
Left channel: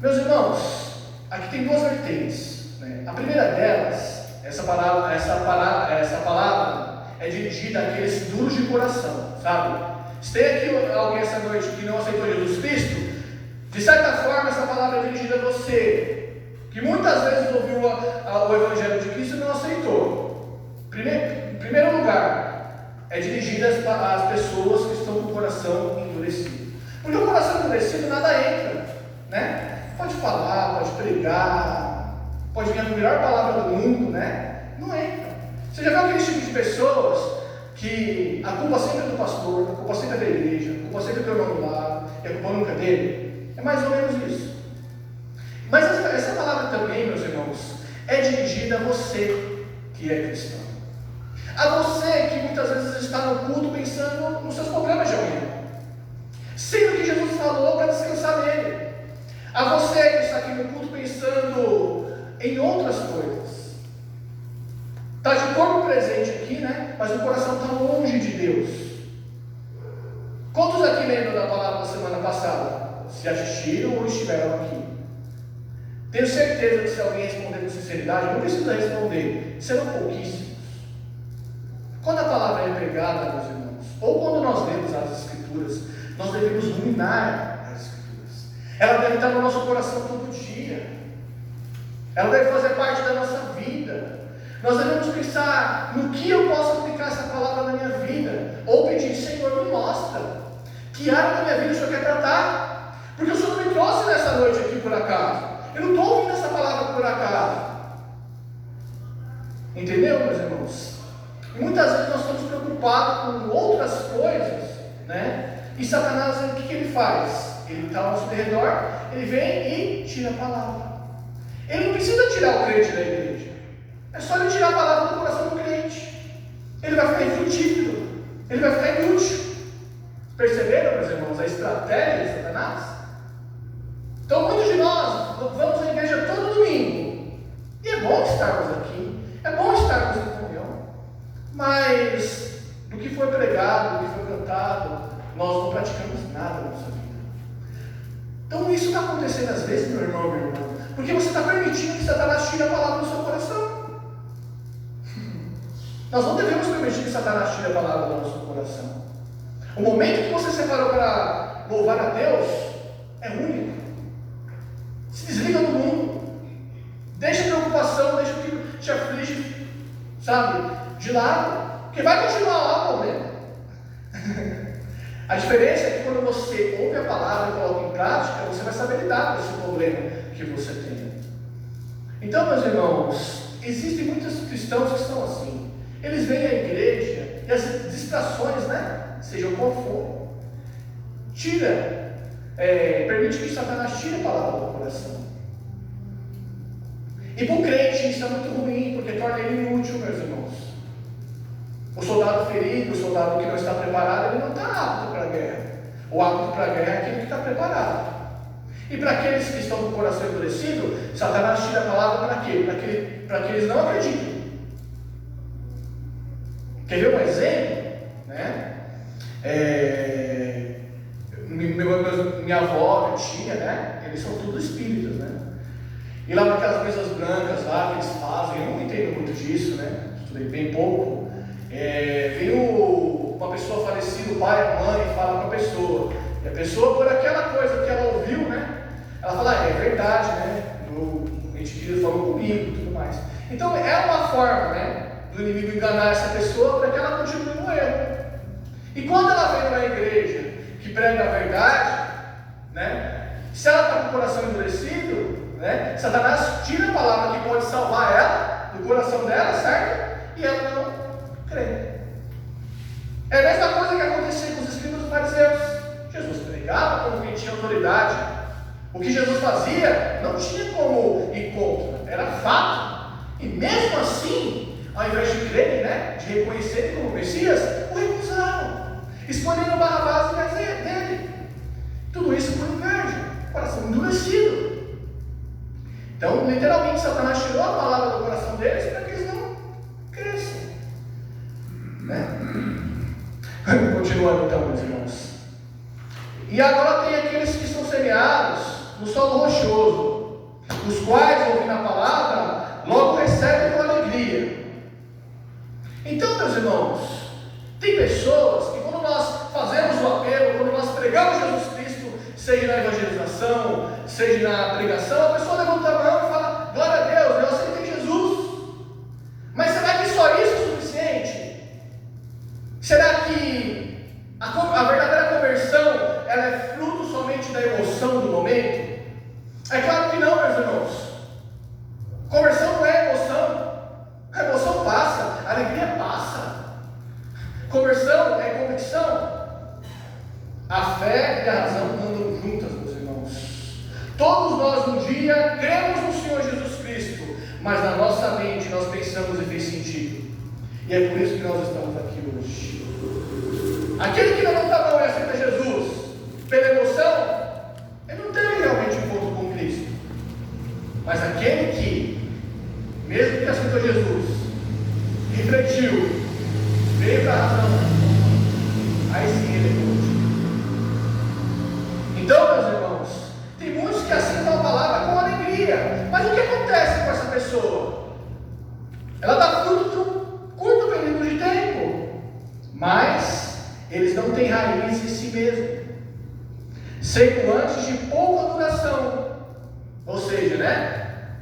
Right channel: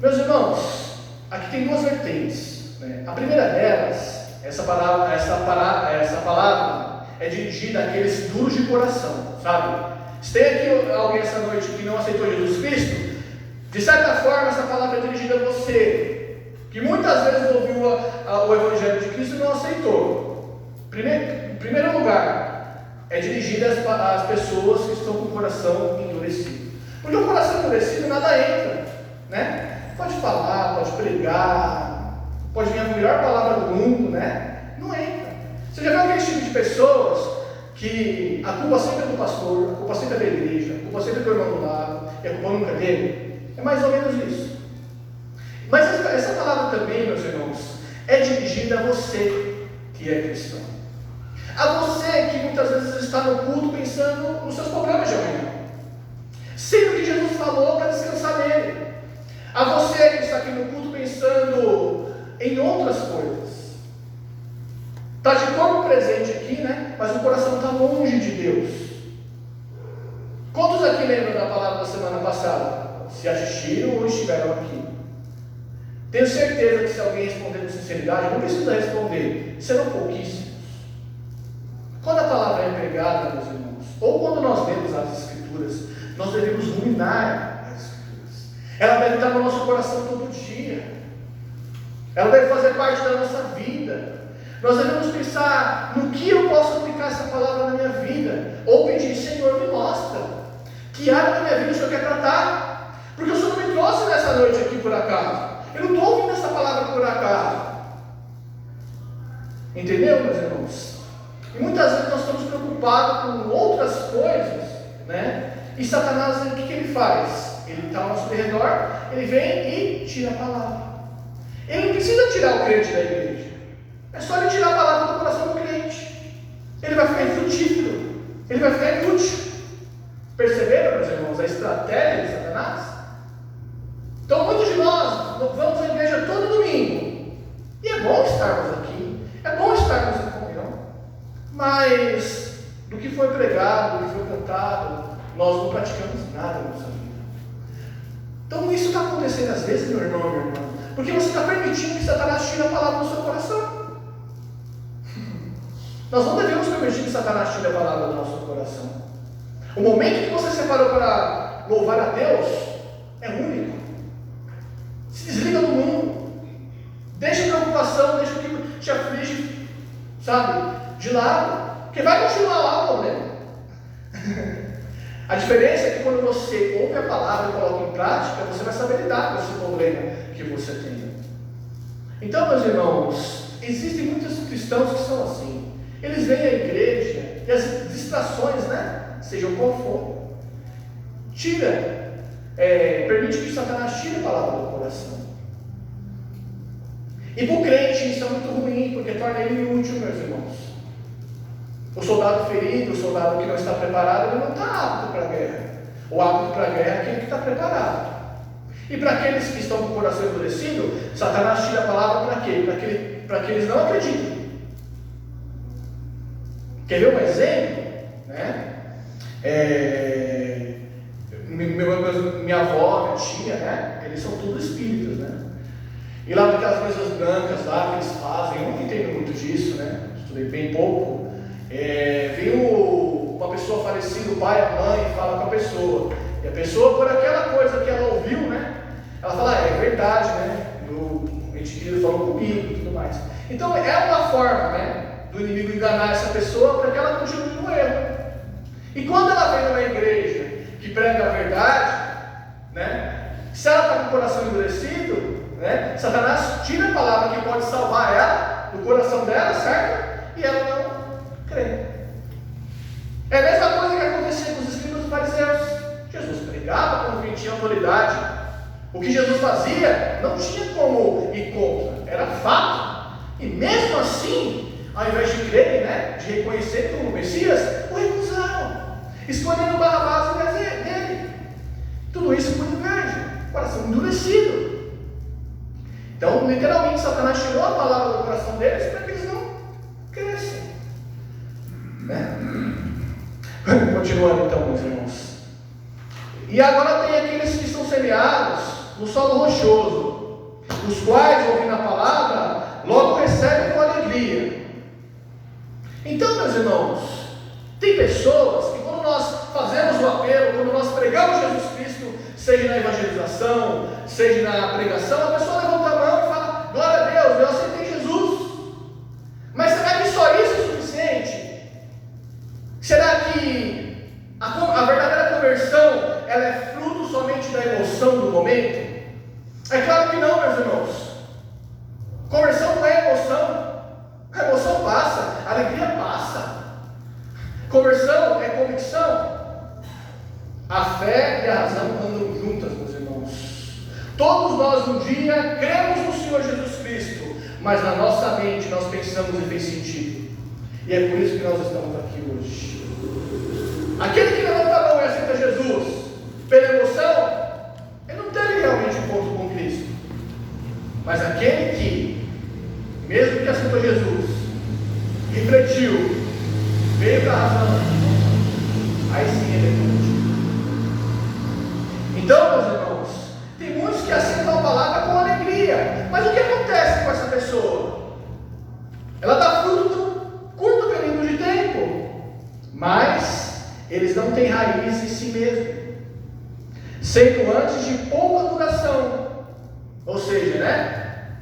Meus irmãos, aqui tem duas vertentes. A primeira delas, essa palavra é dirigida àqueles duros de coração, sabe? Se tem aqui alguém essa noite que não aceitou Jesus Cristo, de certa forma essa palavra é dirigida a você, que muitas vezes ouviu o Evangelho de Cristo e não aceitou. Em primeiro lugar, é dirigida às pessoas que estão com o coração endurecido. Porque o coração endurecido nada entra, Pode falar, pode pregar, pode vir a melhor palavra do mundo, Não entra. Você já viu aquele tipo de pessoas que a culpa sempre é do pastor, a culpa sempre é da igreja, a culpa sempre é do irmão do lado, e a culpa nunca é dele? É mais ou menos isso. Mas essa palavra também, meus irmãos, é dirigida a você que é cristão. A você que muitas vezes está no culto pensando nos seus problemas de amanhã, sendo que Jesus falou para descansar nele. A você que está aqui no culto pensando em outras coisas. Está de corpo presente aqui, mas o coração está longe de Deus. Quantos aqui lembram da palavra da semana passada? Se assistiram ou estiveram aqui? Tenho certeza que se alguém responder com sinceridade, não precisa responder, serão pouquíssimos. Quando a palavra é pregada, meus irmãos, ou quando nós lemos as Escrituras, nós devemos ruminar as Escrituras. Ela deve estar no nosso coração todo dia. Ela deve fazer parte da nossa vida. Nós devemos pensar no que eu posso aplicar essa palavra na minha vida, ou pedir: Senhor, me mostra que área da minha vida o Senhor quer tratar. Porque o Senhor me trouxe nessa noite aqui por acaso. Eu não estou ouvindo essa palavra por acaso. Entendeu, meus irmãos? E muitas vezes nós estamos preocupados com outras coisas, E Satanás, o que ele faz? Ele está ao nosso redor, ele vem e tira a palavra. Ele não precisa tirar o crente da igreja. É só ele tirar a palavra do coração do crente. Ele vai ficar infrutífero. Ele vai ficar inútil. Perceberam, meus irmãos, a estratégia de Satanás? Então muitos de nós vamos à igreja todo domingo, e é bom estarmos aqui, é bom estarmos em comunhão, mas do que foi pregado, do que foi cantado, nós não praticamos nada na nossa vida. Então isso está acontecendo às vezes, meu irmão, minha irmã, porque você está permitindo que Satanás tire a palavra do seu coração. Nós não devemos permitir que Satanás tire a palavra do nosso coração. O momento que você separou para louvar a Deus é único. Se desliga do mundo. Deixa a preocupação, deixa o que te aflige, de lado. Porque vai continuar lá o problema. A diferença é que quando você ouve a palavra e coloca em prática, você vai saber lidar com esse problema que você tem. Então, meus irmãos, existem muitos cristãos que são assim. Eles vêm à igreja e as distrações, sejam qual for, tira permite que Satanás tire a palavra do coração. E para o crente isso é muito ruim, porque torna ele inútil, meus irmãos. O soldado ferido, o soldado que não está preparado, ele não está apto para a guerra. O apto para a guerra é aquele que está preparado. E para aqueles que estão com o coração endurecido, Satanás tira a palavra para quê? Para que eles não acreditem. Quer ver um exemplo? Né? Minha avó, minha tia, né? Eles são todos espíritas, né? E lá naquelas mesas brancas lá que eles fazem, eu não entendo muito disso, né? Estudei bem pouco. Viu uma pessoa falecida, o pai, a mãe, fala com a pessoa. E a pessoa, por aquela coisa que ela ouviu, né? Ela fala, é verdade, né? O ente querido falou comigo e tudo mais. Então é uma forma, né? Do inimigo enganar essa pessoa para que ela continue no erro. E quando ela vem numa igreja que prega a verdade, né? Se ela está com o coração endurecido, né? Satanás tira a palavra que pode salvar ela do coração dela, certo? E ela não crê. É a mesma coisa que acontecia com os escribas e fariseus. Jesus pregava como quem tinha autoridade. O que Jesus fazia não tinha como ir contra, era fato. E mesmo assim, ao invés de crerem, né, de reconhecerem como Messias, o recusaram, escolhendo Barrabás ao invés dele. Tudo isso por inveja, coração endurecido. Então, literalmente, Satanás tirou a palavra do coração deles para que eles não cresçam. Né? Continuando então, meus irmãos. E agora tem aqueles que são semeados no solo rochoso, os quais, ouvindo a palavra, logo recebem com alegria. Então, meus irmãos, tem pessoas que quando nós fazemos o apelo, quando nós pregamos Jesus Cristo, seja na evangelização, seja na pregação, a pessoa levanta a mão e fala, glória a Deus, eu aceitei Jesus. Mas será que só isso é suficiente? Será que a verdadeira conversão, ela é fruto somente da emoção do momento? É claro que não, meus irmãos. Conversão não é emoção. A emoção passa, a alegria passa. Conversão é convicção. A fé e a razão andam juntas, meus irmãos. Todos nós um dia cremos no Senhor Jesus Cristo, mas na nossa mente nós pensamos e fez sentido. E é por isso que nós estamos aqui hoje. Aquele que levanta a mão e aceita Jesus pela emoção, ele não teve realmente um encontro com Cristo. Mas aquele que, mesmo que aceitou Jesus, refletiu, veio para a razão, aí sim ele é contigo. Então, meus irmãos, tem muitos que aceitam a palavra com alegria. Mas o que acontece com essa pessoa? Ela dá fruto por um curto período de tempo, mas eles não têm raiz em si mesmo, sendo antes de pouca duração. Ou seja, né?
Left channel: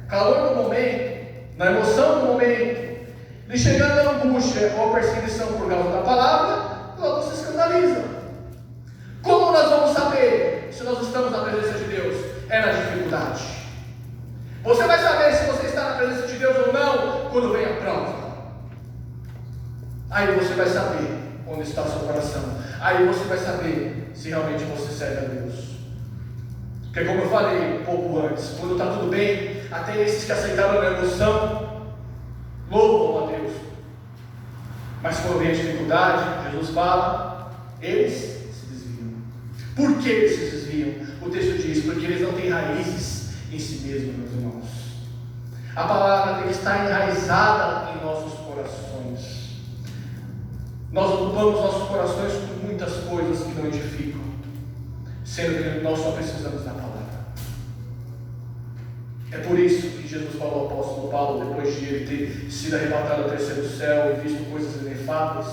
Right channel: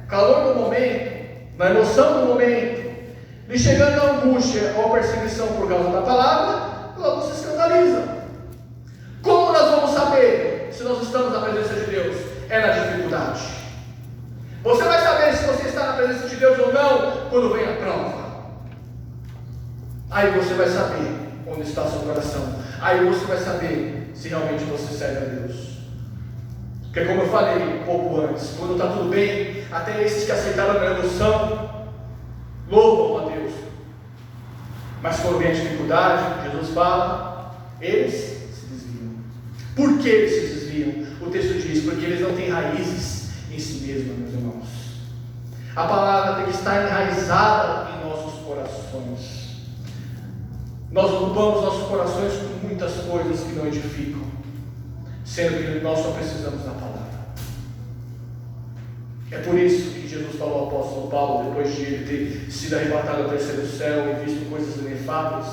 Calor do momento, na emoção do momento, lhe chegando a angústia ou a perseguição por causa da palavra, logo se escandalizam. Como nós vamos saber se nós estamos na presença de Deus? É na dificuldade. Você vai saber se você está na presença de Deus ou não quando vem a prova. Aí você vai saber onde está o seu coração. Aí você vai saber se realmente você serve a Deus. Porque como eu falei um pouco antes, quando está tudo bem, até esses que aceitaram a emoção louvam a Deus. Mas quando vem a dificuldade, Jesus fala, eles se desviam. Por que eles se desviam? O texto diz, porque eles não têm raízes em si mesmos, meus irmãos. A palavra tem que estar enraizada em nossos corações. Nós ocupamos nossos corações com muitas coisas que não edificam, sendo que nós só precisamos da palavra. É por isso que Jesus falou ao apóstolo Paulo, depois de ele ter sido arrebatado ao terceiro céu e visto coisas inefáveis,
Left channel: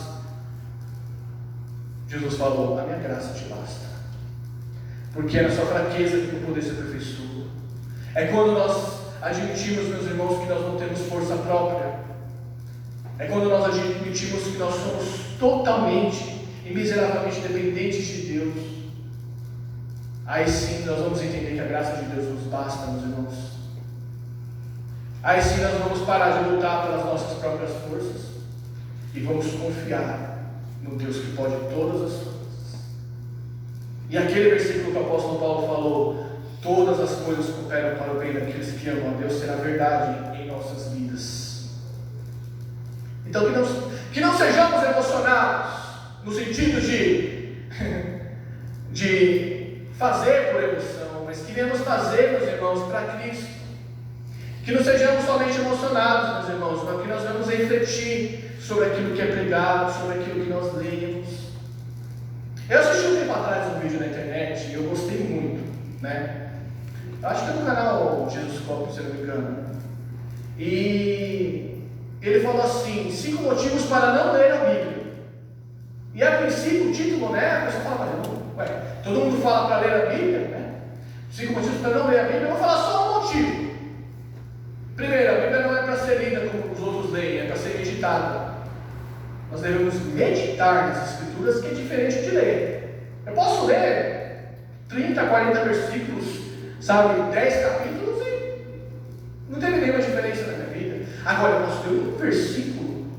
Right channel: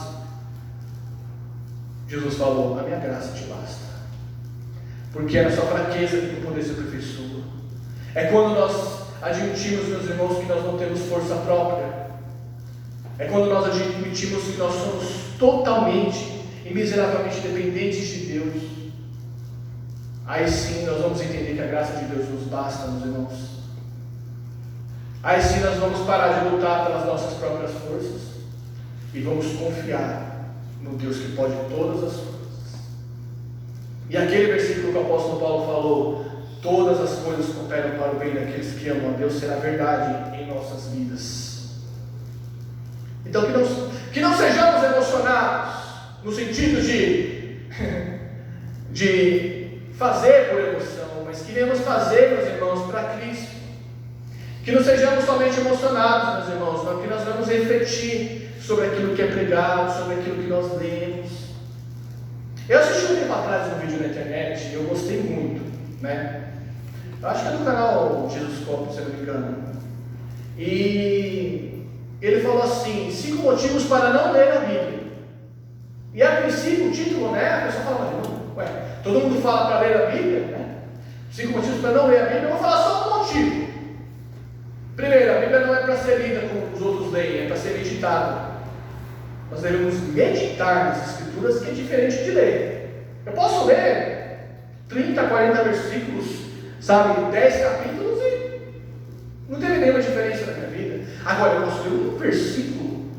Jesus falou, a minha graça te basta, porque é na sua fraqueza que o poder se aperfeiçoa. É quando nós admitimos, meus irmãos, que nós não temos força própria. É quando nós admitimos que nós somos totalmente e miseravelmente dependentes de Deus. Aí sim nós vamos entender que a graça de Deus nos basta, meus irmãos. Aí sim nós vamos parar de lutar pelas nossas próprias forças e vamos confiar no Deus que pode todas as coisas. E aquele versículo que o apóstolo Paulo falou, todas as coisas cooperam para o bem daqueles que amam a Deus, será verdade em nossas vidas. Então que não sejamos emocionados, no sentido de fazer por emoção, mas que venhamos fazer, meus irmãos, para Cristo. Que não sejamos somente emocionados, meus irmãos, mas que nós vamos refletir sobre aquilo que é pregado, sobre aquilo que nós lemos. Eu assisti um tempo atrás um vídeo na internet, e eu gostei muito, né? Acho que é no canal Jesus Cop, se eu não me engano. E ele falou assim: 5 motivos para não ler a Bíblia. E a princípio o título, né? A pessoa fala, mas não, ué, todo mundo fala para ler a Bíblia, né? 5 motivos para não ler a Bíblia. Eu vou falar só um motivo. Primeiro, a Bíblia não é para ser lida como os outros leem, é para ser meditada. Nós devemos meditar nas Escrituras, que é diferente de ler. Eu posso ler 30, 40 versículos, sabe, 10 capítulos e não tem nenhuma diferença na minha vida. Agora, eu posso ler um versículo,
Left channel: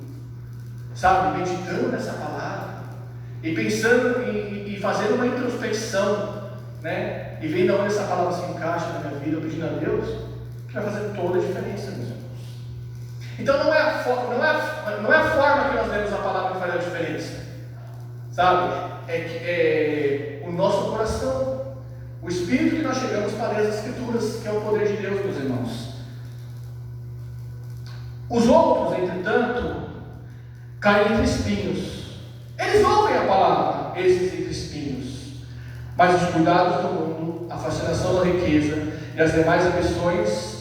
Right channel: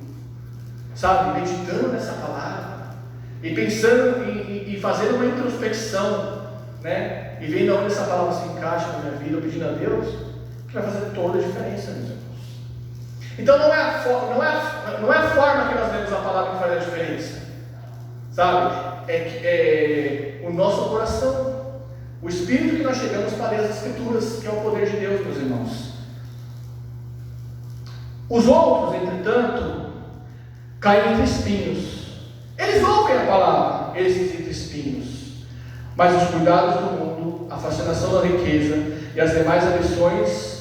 sabe, meditando nessa palavra e pensando e fazendo uma introspecção, né, e vendo onde essa palavra se encaixa na minha vida, pedindo a Deus, que vai fazer toda a diferença, meus irmãos. Então não é a forma que nós lemos a palavra que faz a diferença, sabe? É o nosso coração, o espírito que nós chegamos para ler as Escrituras, que é o poder de Deus, meus irmãos. Os outros, entretanto, caem entre espinhos. Eles ouvem a palavra, esses entre espinhos, mas os cuidados do mundo, a fascinação da riqueza e as demais ambições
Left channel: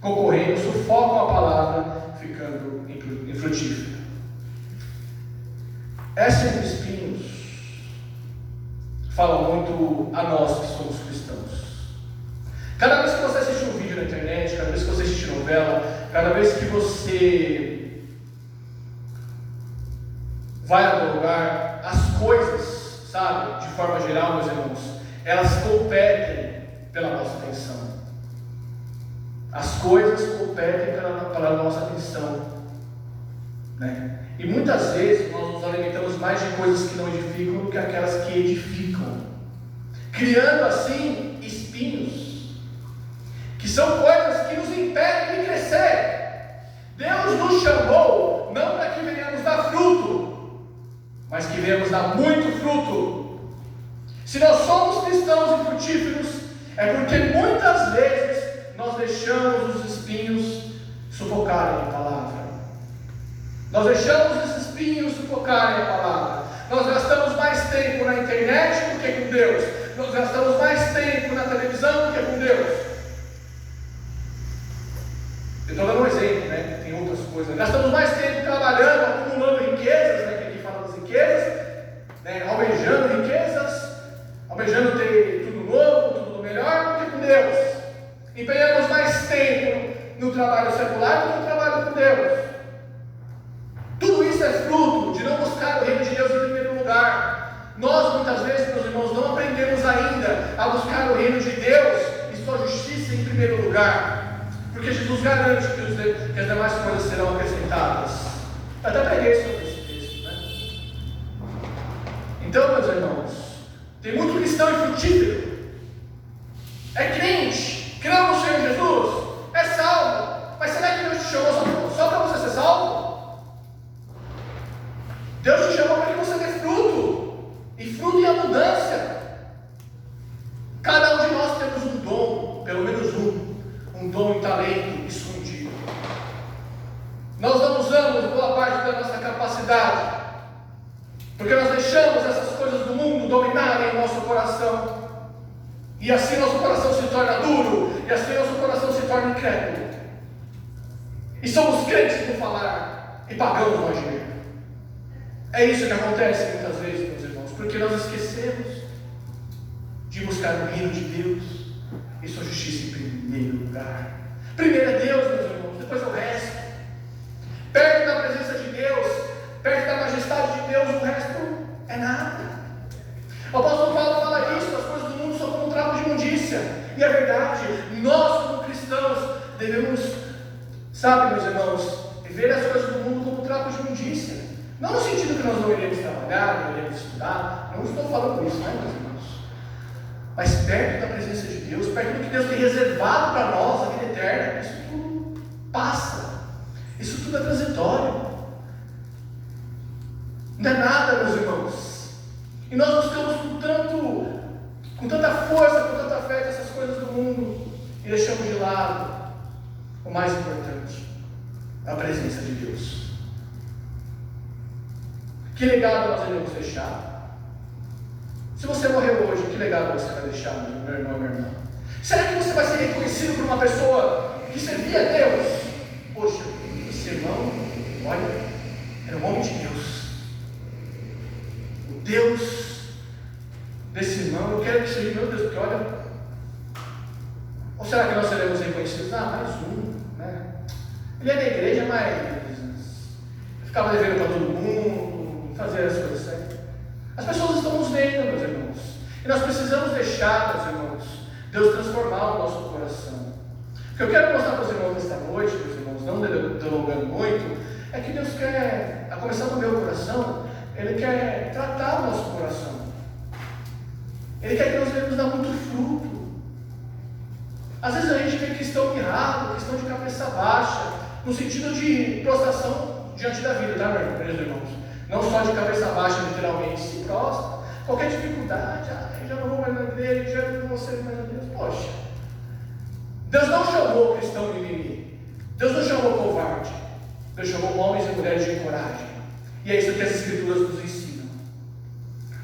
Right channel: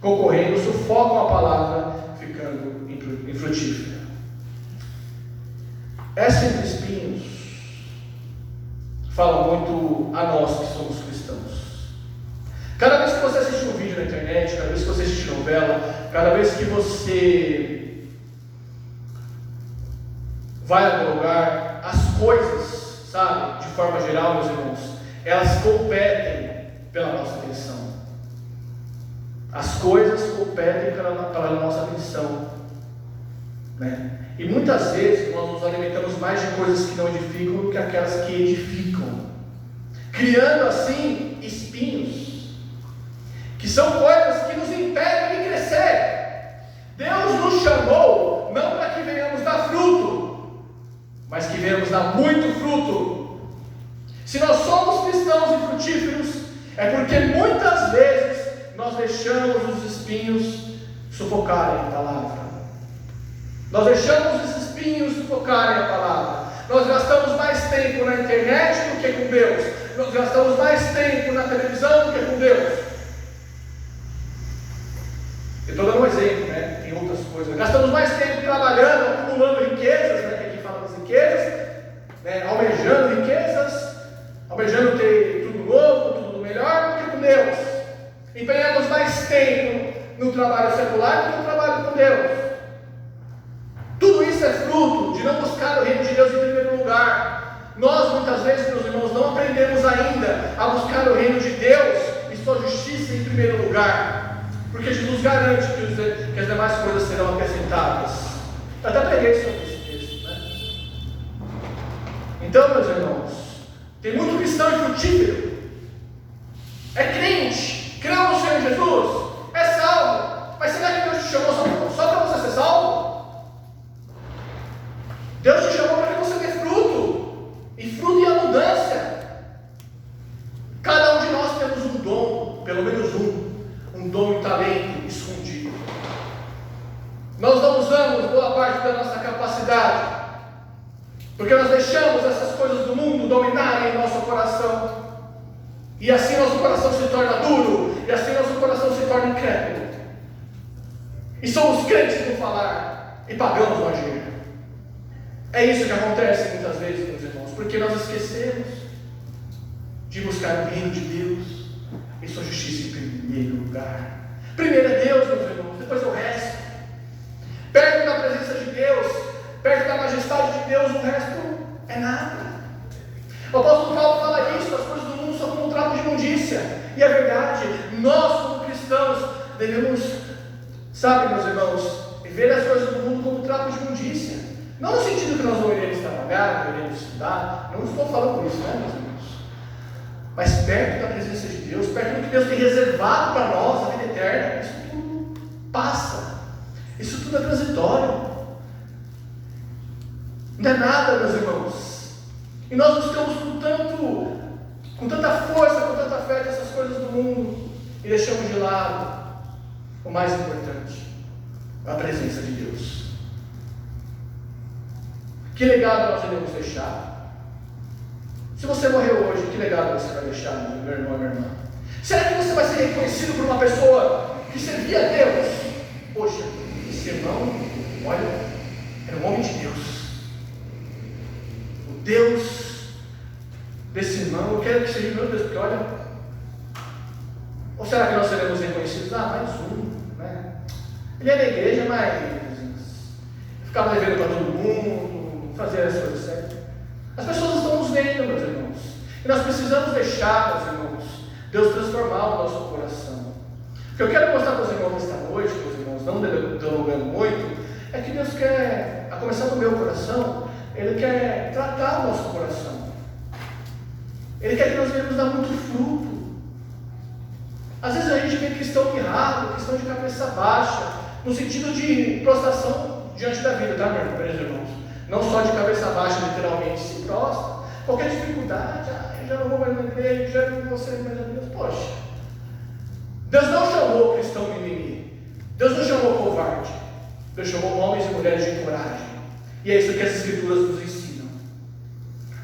concorrendo sufocam a palavra, ficando infrutífera. Essa entre espinhos fala muito a nós que somos cristãos. Cada vez que você assiste um vídeo na internet, cada vez que você assiste novela, cada vez que você vai a algum lugar, as coisas, sabe, de forma geral, meus irmãos, elas competem pela nossa atenção. As coisas competem pela nossa atenção, né? E muitas vezes nós nos alimentamos mais de coisas que não edificam do que aquelas que edificam, criando assim espinhos, que são coisas que nos impedem de crescer. Deus nos chamou não para que venhamos dar fruto, mas que venhamos dar muito fruto. Se nós somos cristãos e frutíferos, é porque muitas vezes nós deixamos os espinhos sufocarem a palavra. Nós deixamos esses espinhos sufocarem a palavra. Nós gastamos mais tempo na internet do que com Deus. Nós gastamos mais tempo na televisão do que com Deus. Eu estou dando um exemplo, né? Tem outras coisas. Gastamos mais tempo trabalhando, acumulando riquezas, né? Que aqui fala das riquezas, né? Almejando riquezas, almejando ter tudo novo, tudo melhor do que com Deus. Empenhamos mais tempo no trabalho secular do que no trabalho com Deus. Tudo isso é fruto de não buscar o reino de Deus em primeiro lugar. Nós muitas vezes, meus irmãos, não aprendemos ainda a buscar o reino de Deus e sua justiça em primeiro lugar, porque Jesus garante que as demais coisas serão acrescentadas. Eu até preguei sobre esse texto, né? Então, meus irmãos, tem muito cristão infrutífero, é crente, creu no Senhor Jesus, é salvo, mas será que Deus te chamou só para você ser salvo? Deus te chamou para que você dê fruto, e fruto em abundância. Cada um de nós temos um dom, pelo menos um dom e talento escondido. Nós não usamos boa parte da nossa capacidade, porque nós deixamos essas coisas do mundo dominarem nosso coração, e assim nosso coração se torna duro, e assim nosso coração se torna incrédulo, e somos crentes no falar, e pagamos no agir. É isso que acontece muitas vezes, meus irmãos, porque nós esquecemos de buscar o reino de Deus e sua justiça em primeiro lugar. Primeiro é Deus, meus irmãos, depois é o resto. Perto da presença de Deus, perto da majestade de Deus, o resto é nada. O apóstolo Paulo fala isso: as coisas do mundo são como um trapo de imundícia. E é verdade, nós como cristãos devemos, sabe, meus irmãos, ver as coisas do mundo como um trapo de imundícia. Não no sentido que nós não iremos trabalhar, não iremos estudar, não estou falando isso, né, meus irmãos? mas perto da presença de Deus, perto do que Deus tem reservado para nós, a vida eterna, isso tudo passa, isso tudo é transitório, não é nada, meus irmãos. E nós buscamos com tanta força, com tanta fé, essas coisas do mundo, e deixamos de lado o mais importante, a presença de Deus. Que legado nós iremos deixar? Se você morreu hoje, que legado você vai deixar, meu irmão e minha irmã? Será que você vai ser reconhecido por uma pessoa que servia a Deus? Poxa, esse irmão, olha, era um homem de Deus. O Deus desse irmão, eu quero que seja o meu Deus, porque olha. Ou será que nós seremos reconhecidos? Mais um, né? Ele é da igreja, mas ficava devendo para todo mundo, fazia as coisas certas. As pessoas estão nos vendo, meus irmãos, e nós precisamos deixar, meus irmãos, Deus transformar o nosso coração. O que eu quero mostrar para os irmãos esta noite, meus irmãos, não delongando muito, é que Deus quer, a começar do meu coração, Ele quer tratar o nosso coração. Ele quer que nós venhamos dar muito fruto. Às vezes a gente vê cristão mirrado, cristão de cabeça baixa, no sentido de prostração diante da vida, tá, meus irmãos? Não só de cabeça baixa, literalmente, se prostra. Qualquer dificuldade, já não vou mais na igreja, já não vou ser mais na igreja. Poxa, Deus não chamou cristão mimimi, Deus não chamou covarde, Deus chamou homens e mulheres de coragem. E é isso que as Escrituras nos ensinam.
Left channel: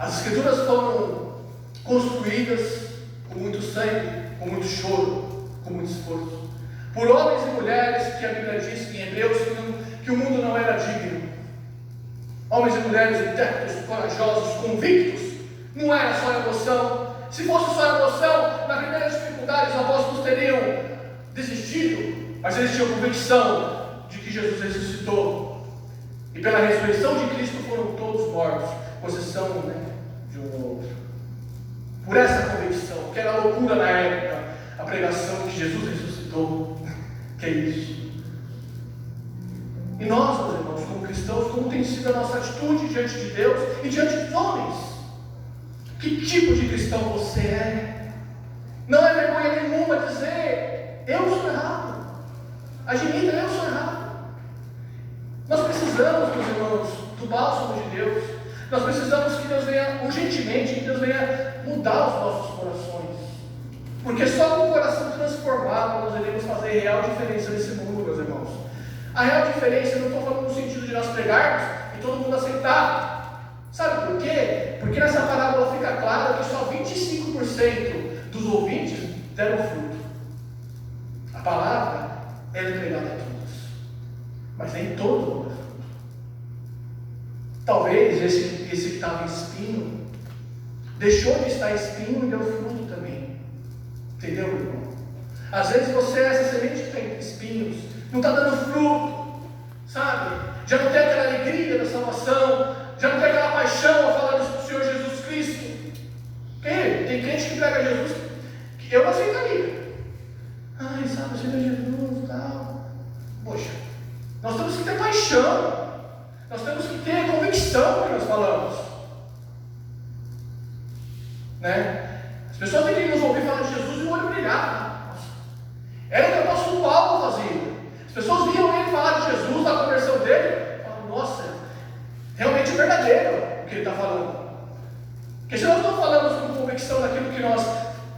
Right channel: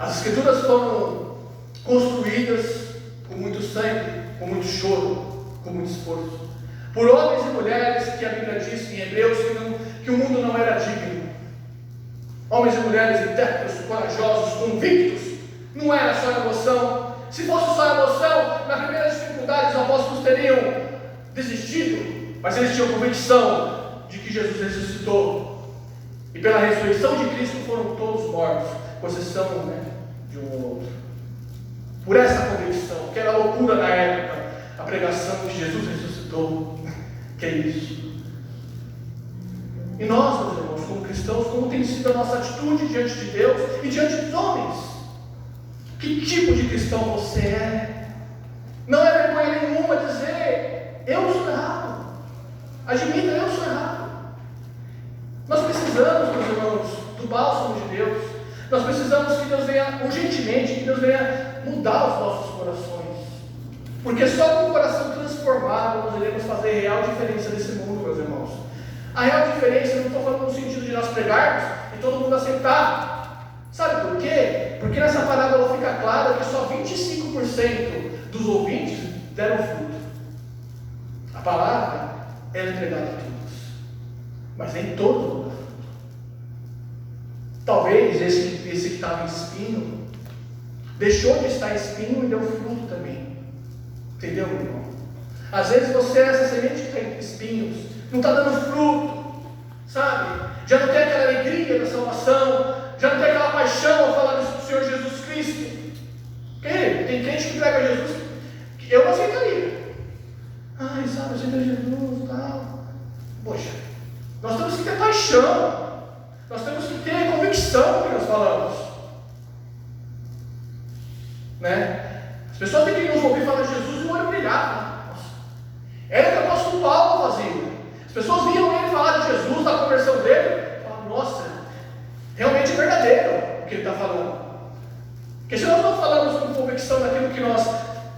As Escrituras foram construídas com muito sangue, com muito choro, com muito esforço, por homens e mulheres que a Bíblia diz em Hebreus que o mundo não era digno. Homens e mulheres intérpretes, corajosos, convictos. Não era só emoção. Se fosse só emoção, na primeira dificuldade os apóstolos teriam desistido, mas eles tinham convicção de que Jesus ressuscitou. E pela ressurreição de Cristo foram todos mortos, com exceção, de um ou outro. Por essa convicção, que era loucura na época, a pregação de Jesus ressuscitou. Que é isso? E nós, meus irmãos, como cristãos, como tem sido a nossa atitude diante de Deus e diante dos homens? Que tipo de cristão você é? Não é vergonha nenhuma dizer: eu sou errado. Admita, eu sou errado. Nós precisamos, meus irmãos, do bálsamo de Deus. Nós precisamos que Deus venha urgentemente, que Deus venha mudar os nossos corações. Porque só com o coração transformado nós iremos fazer real diferença nesse mundo, meus irmãos. A real diferença, eu não estou falando no sentido de nós pregarmos e todo mundo aceitar. Sabe por quê? Porque nessa parábola fica claro que só 25% dos ouvintes deram fruto. A palavra é entregada a todos, mas nem todos deram fruto. Talvez esse que estava em espinho deixou de estar espinho e deu fruto também. Entendeu, irmão? Às vezes você é essa semente que está em espinhos, não está dando fruto, sabe? Já não tem aquela alegria da salvação, já não tem aquela paixão ao falar do Senhor Jesus Cristo. Tem crente que prega Jesus, que eu não aceitaria. Sabe, aceita Jesus e tal. Poxa, nós temos que ter paixão, nós temos que ter convicção do que nós falamos, né? As pessoas têm que nos ouvir falar de Jesus e o olho brilhar. Era o que o apóstolo Paulo fazia. As pessoas viam ele falar de Jesus, da conversão dele, e falavam: nossa, realmente é verdadeiro o que ele está falando. Porque se nós não falamos com convicção daquilo que nós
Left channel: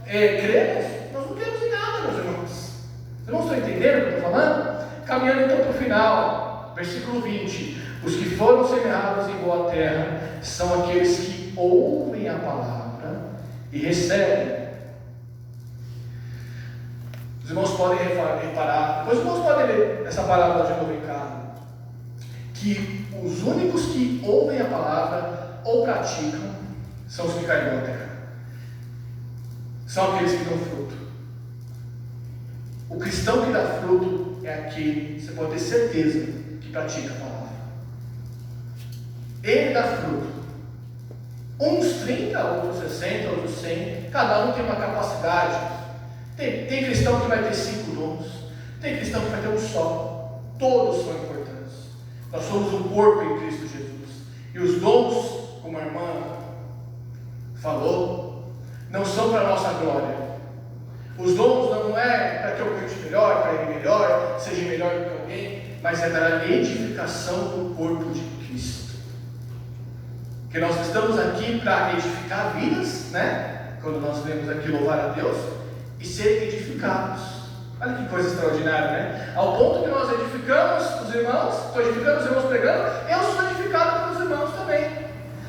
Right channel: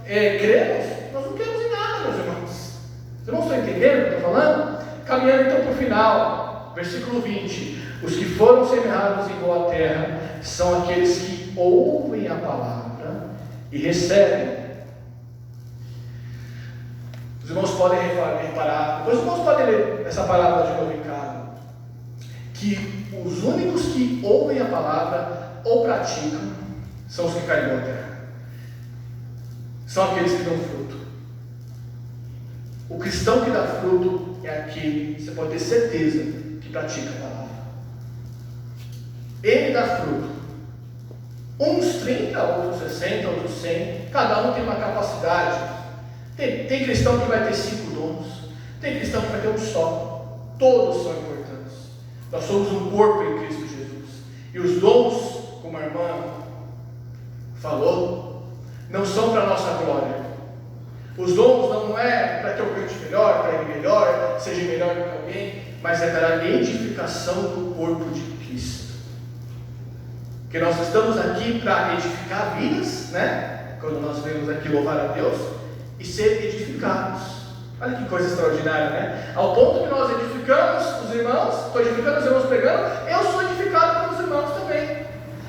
cremos, nós não cremos em nada, meus irmãos. Vocês não estão entendendo o que eu estou falando? Caminhando então para o final, versículo 20: os que foram semeados em boa terra são aqueles que ouvem a palavra e recebem. Os irmãos podem reparar, depois os irmãos podem ler essa palavra de novo em casa, que os únicos que ouvem a palavra ou praticam são os que caem em boa terra. São aqueles que dão fruto. O cristão que dá fruto é aquele, você pode ter certeza, que pratica a palavra. Ele dá fruto. Uns 30, outros 60, outros 100. Cada um tem uma capacidade. Tem cristão que vai ter 5 dons. Tem cristão que vai ter um só. Todos são importantes. Nós somos um corpo em Cristo Jesus. E os dons, como a irmã falou, não são para a nossa glória. Os dons não é para que eu cante melhor, para ir melhor, seja melhor do que alguém, mas é para a edificação do corpo de Cristo. Porque nós estamos aqui para edificar vidas, né? Quando nós vemos aqui louvar a Deus, e ser edificados. Olha que coisa extraordinária, né? Ao ponto que nós edificamos os irmãos, estou edificando os irmãos pregando, eu sou edificado pelos irmãos também.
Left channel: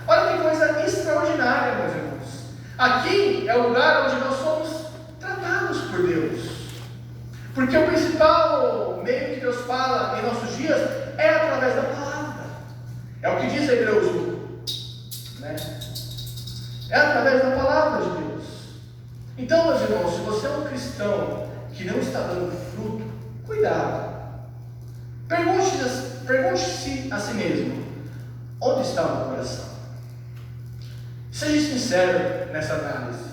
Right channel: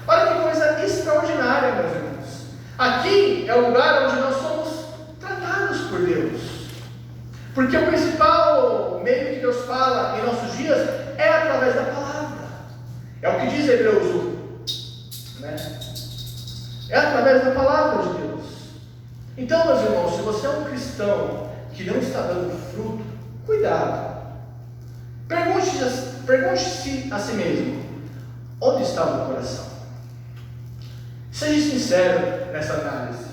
Olha que coisa extraordinária, meus irmãos. Aqui é o lugar onde nós somos tratados por Deus. Porque o principal meio que Deus fala em nossos dias é através da palavra. É o que diz Hebreus 1, né? É através da palavra de Deus. Então, meus irmãos, se você é um cristão que não está dando fruto, cuidado. Pergunte-se a si mesmo: onde está o meu coração? Seja sincero nessa análise.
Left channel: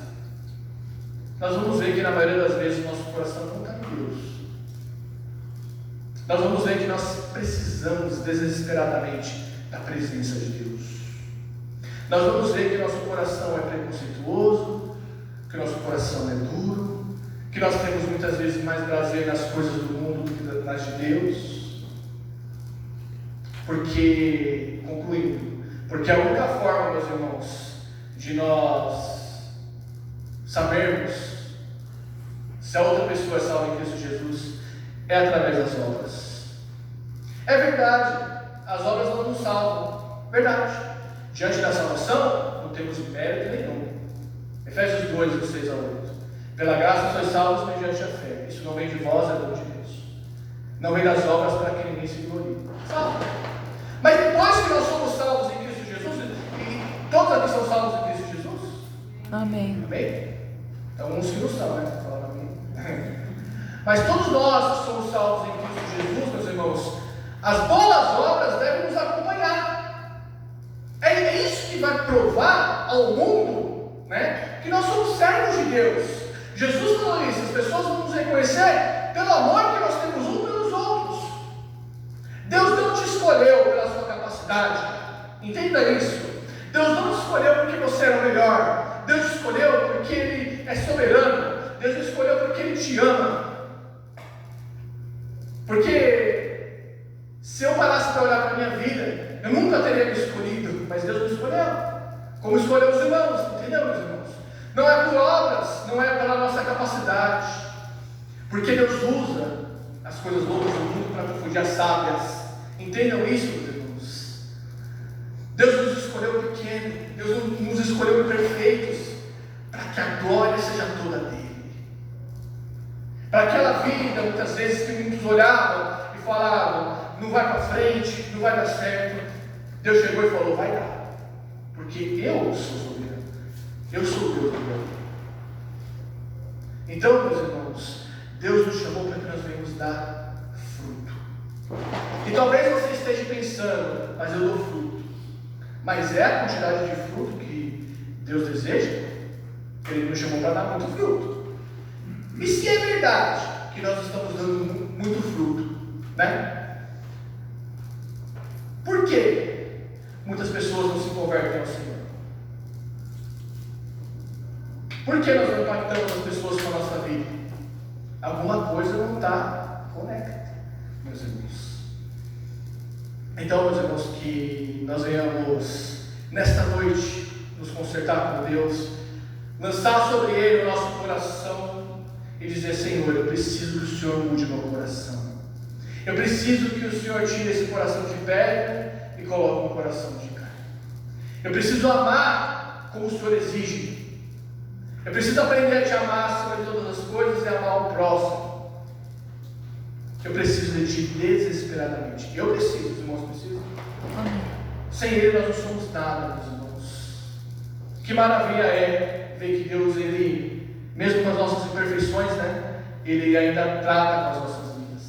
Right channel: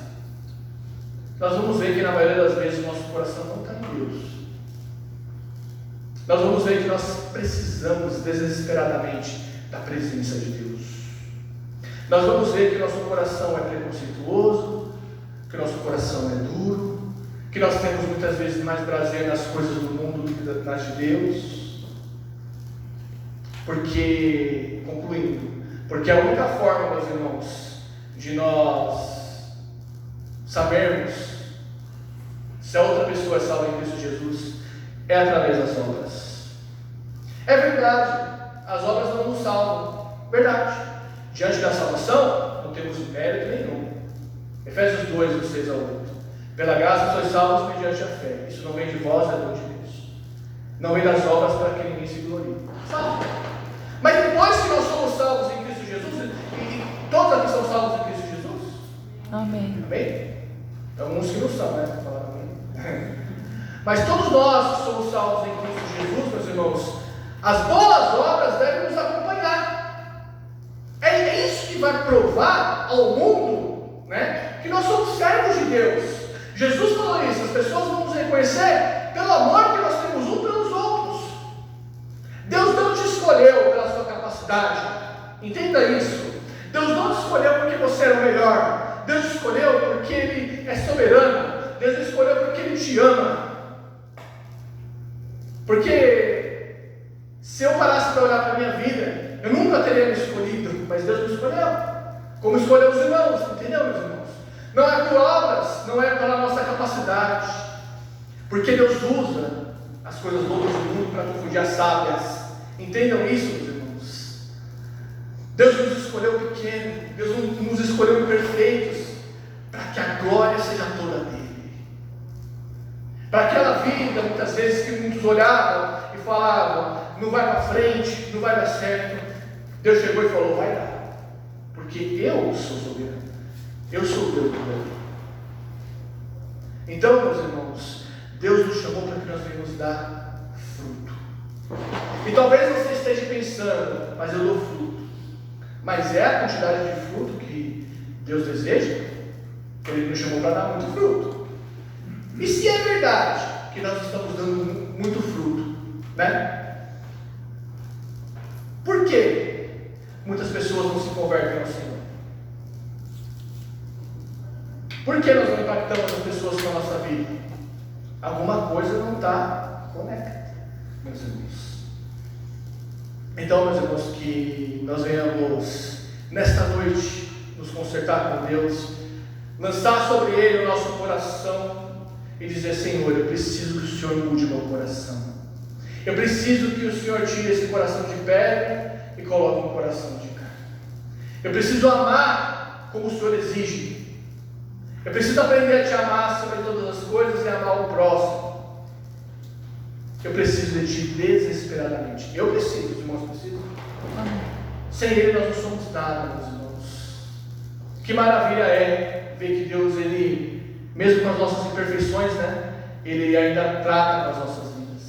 Nós vamos ver que na maioria das vezes o nosso coração não está em Deus. Nós vamos ver que nós precisamos desesperadamente da presença de Deus. Nós vamos ver que nosso coração é preconceituoso, que nosso coração é duro, que nós temos muitas vezes mais prazer nas coisas do mundo do que nas de Deus. Porque, concluindo, porque a única forma, meus irmãos, de nós sabermos se a outra pessoa é salva em Cristo Jesus é através das obras. É verdade, as obras não nos salvam, verdade. Diante da salvação, não temos mérito nenhum. Efésios 2, do 6 ao 8. Pela graça sois salvos mediante a fé. Isso não vem de vós, é dom de Deus. Não vem das obras para que ninguém se glorie. Salvo. Mas depois que nós somos salvos em Cristo Jesus, e todos aqui são salvos em Cristo Jesus? Amém. Amém? Alguns que não são, né? Falaram amém. Mas todos nós que somos salvos em Cristo Jesus, meus irmãos, as boas obras devem nos acompanhar. É isso que vai provar ao mundo, né, que nós somos servos de Deus. Jesus falou isso: as pessoas vão nos reconhecer pelo amor que nós temos um pelos outros. Deus não te escolheu pela sua capacidade, entenda isso. Deus não te escolheu porque você era o melhor. Deus te escolheu porque Ele é soberano. Deus te escolheu porque Ele te ama. Porque se eu parasse para olhar para a minha vida, eu nunca teria me escolhido, mas Deus me escolheu, como escolheu os irmãos, entendeu, meus irmãos? Não é por obras, não é pela nossa capacidade, porque Deus usa as coisas loucas do mundo para confundir as sábias. Entendam isso, meus irmãos. Deus nos escolheu pequeno, Deus nos escolheu perfeitos, para que a glória seja toda dele. Para aquela vida, muitas vezes, que muitos olhavam e falavam: não vai para frente, não vai dar certo. Deus chegou e falou: vai dar, porque eu sou soberano, eu sou Deus do mundo. Então, meus irmãos, Deus nos chamou para que nós venhamos dar fruto. E talvez você esteja pensando: mas eu dou fruto. Mas é a quantidade de fruto que Deus deseja? Ele nos chamou para dar muito fruto. E se é verdade que nós estamos dando muito fruto, né? Por que muitas pessoas não se convertem ao Senhor? Por que nós não impactamos as pessoas com a nossa vida? Alguma coisa não está conectada, meus irmãos. Então, meus irmãos, que nós venhamos nesta noite nos consertar com Deus, lançar sobre Ele o nosso coração e dizer: Senhor, eu preciso que o Senhor mude meu coração. Eu preciso que o Senhor tire esse coração de pedra e coloque um coração de carne. Eu preciso amar como o Senhor exige. Eu preciso aprender a te amar sobre todas as coisas e amar o próximo. Eu preciso de ti desesperadamente. Eu preciso, os irmãos precisam. Sem Ele nós não somos nada, meus irmãos. Que maravilha é ver que Deus, Ele, mesmo com as nossas imperfeições, né, Ele ainda trata com as nossas vidas.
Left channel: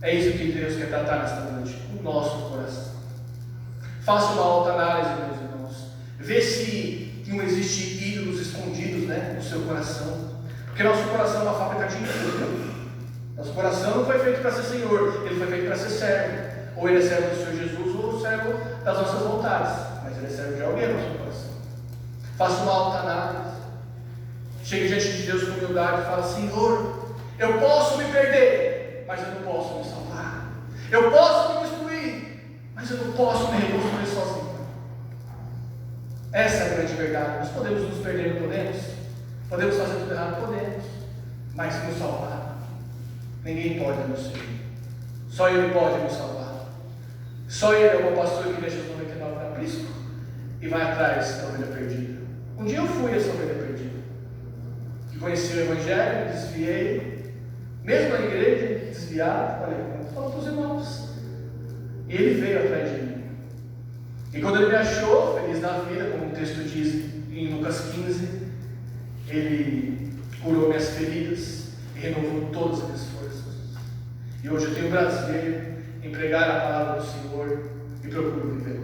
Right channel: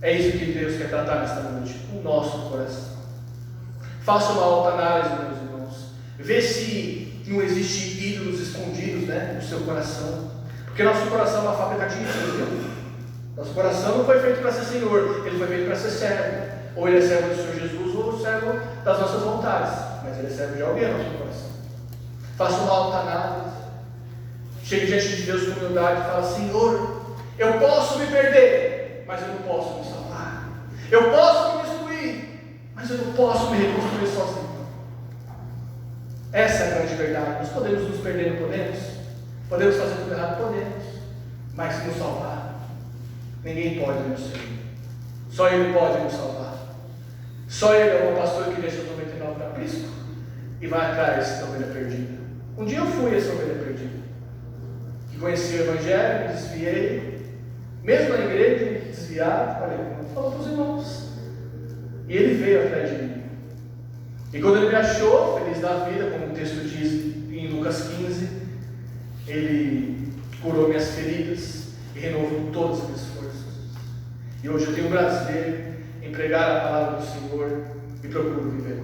É isso que Deus quer tratar nesta noite, o nosso coração. Faça uma autoanálise, meus irmãos. Vê se não existe ídolos escondidos, né, no seu coração. Porque nosso coração é uma fábrica de ídolos. Nosso coração não foi feito para ser Senhor, ele foi feito para ser servo. Ou ele é servo do Senhor Jesus, ou servo das nossas vontades. Mas ele é servo de alguém no nosso coração. faça uma autoanálise, chegue diante de Deus com humildade e fala: Senhor, eu posso me perder, mas eu não posso me salvar. Eu posso me destruir, mas eu não posso me reconstruir sozinho. Essa é a grande verdade. Nós podemos nos perder, não podemos? Podemos fazer tudo errado? Podemos. Mas nos salvar, ninguém pode, meu Senhor. Só Ele pode nos salvar. Só Ele é o pastor que deixa os 99 para aprisco e vai atrás da ovelha perdida. Um dia eu fui essa ovelha perdida, que conheci o Evangelho, desviei, mesmo na igreja, desviado, falou para os irmãos. E Ele veio atrás de mim. E quando Ele me achou, feliz da vida, como o texto diz em Lucas 15, Ele curou minhas feridas e renovou todas as minhas forças. E hoje eu tenho prazer em pregar a palavra do Senhor e procuro viver.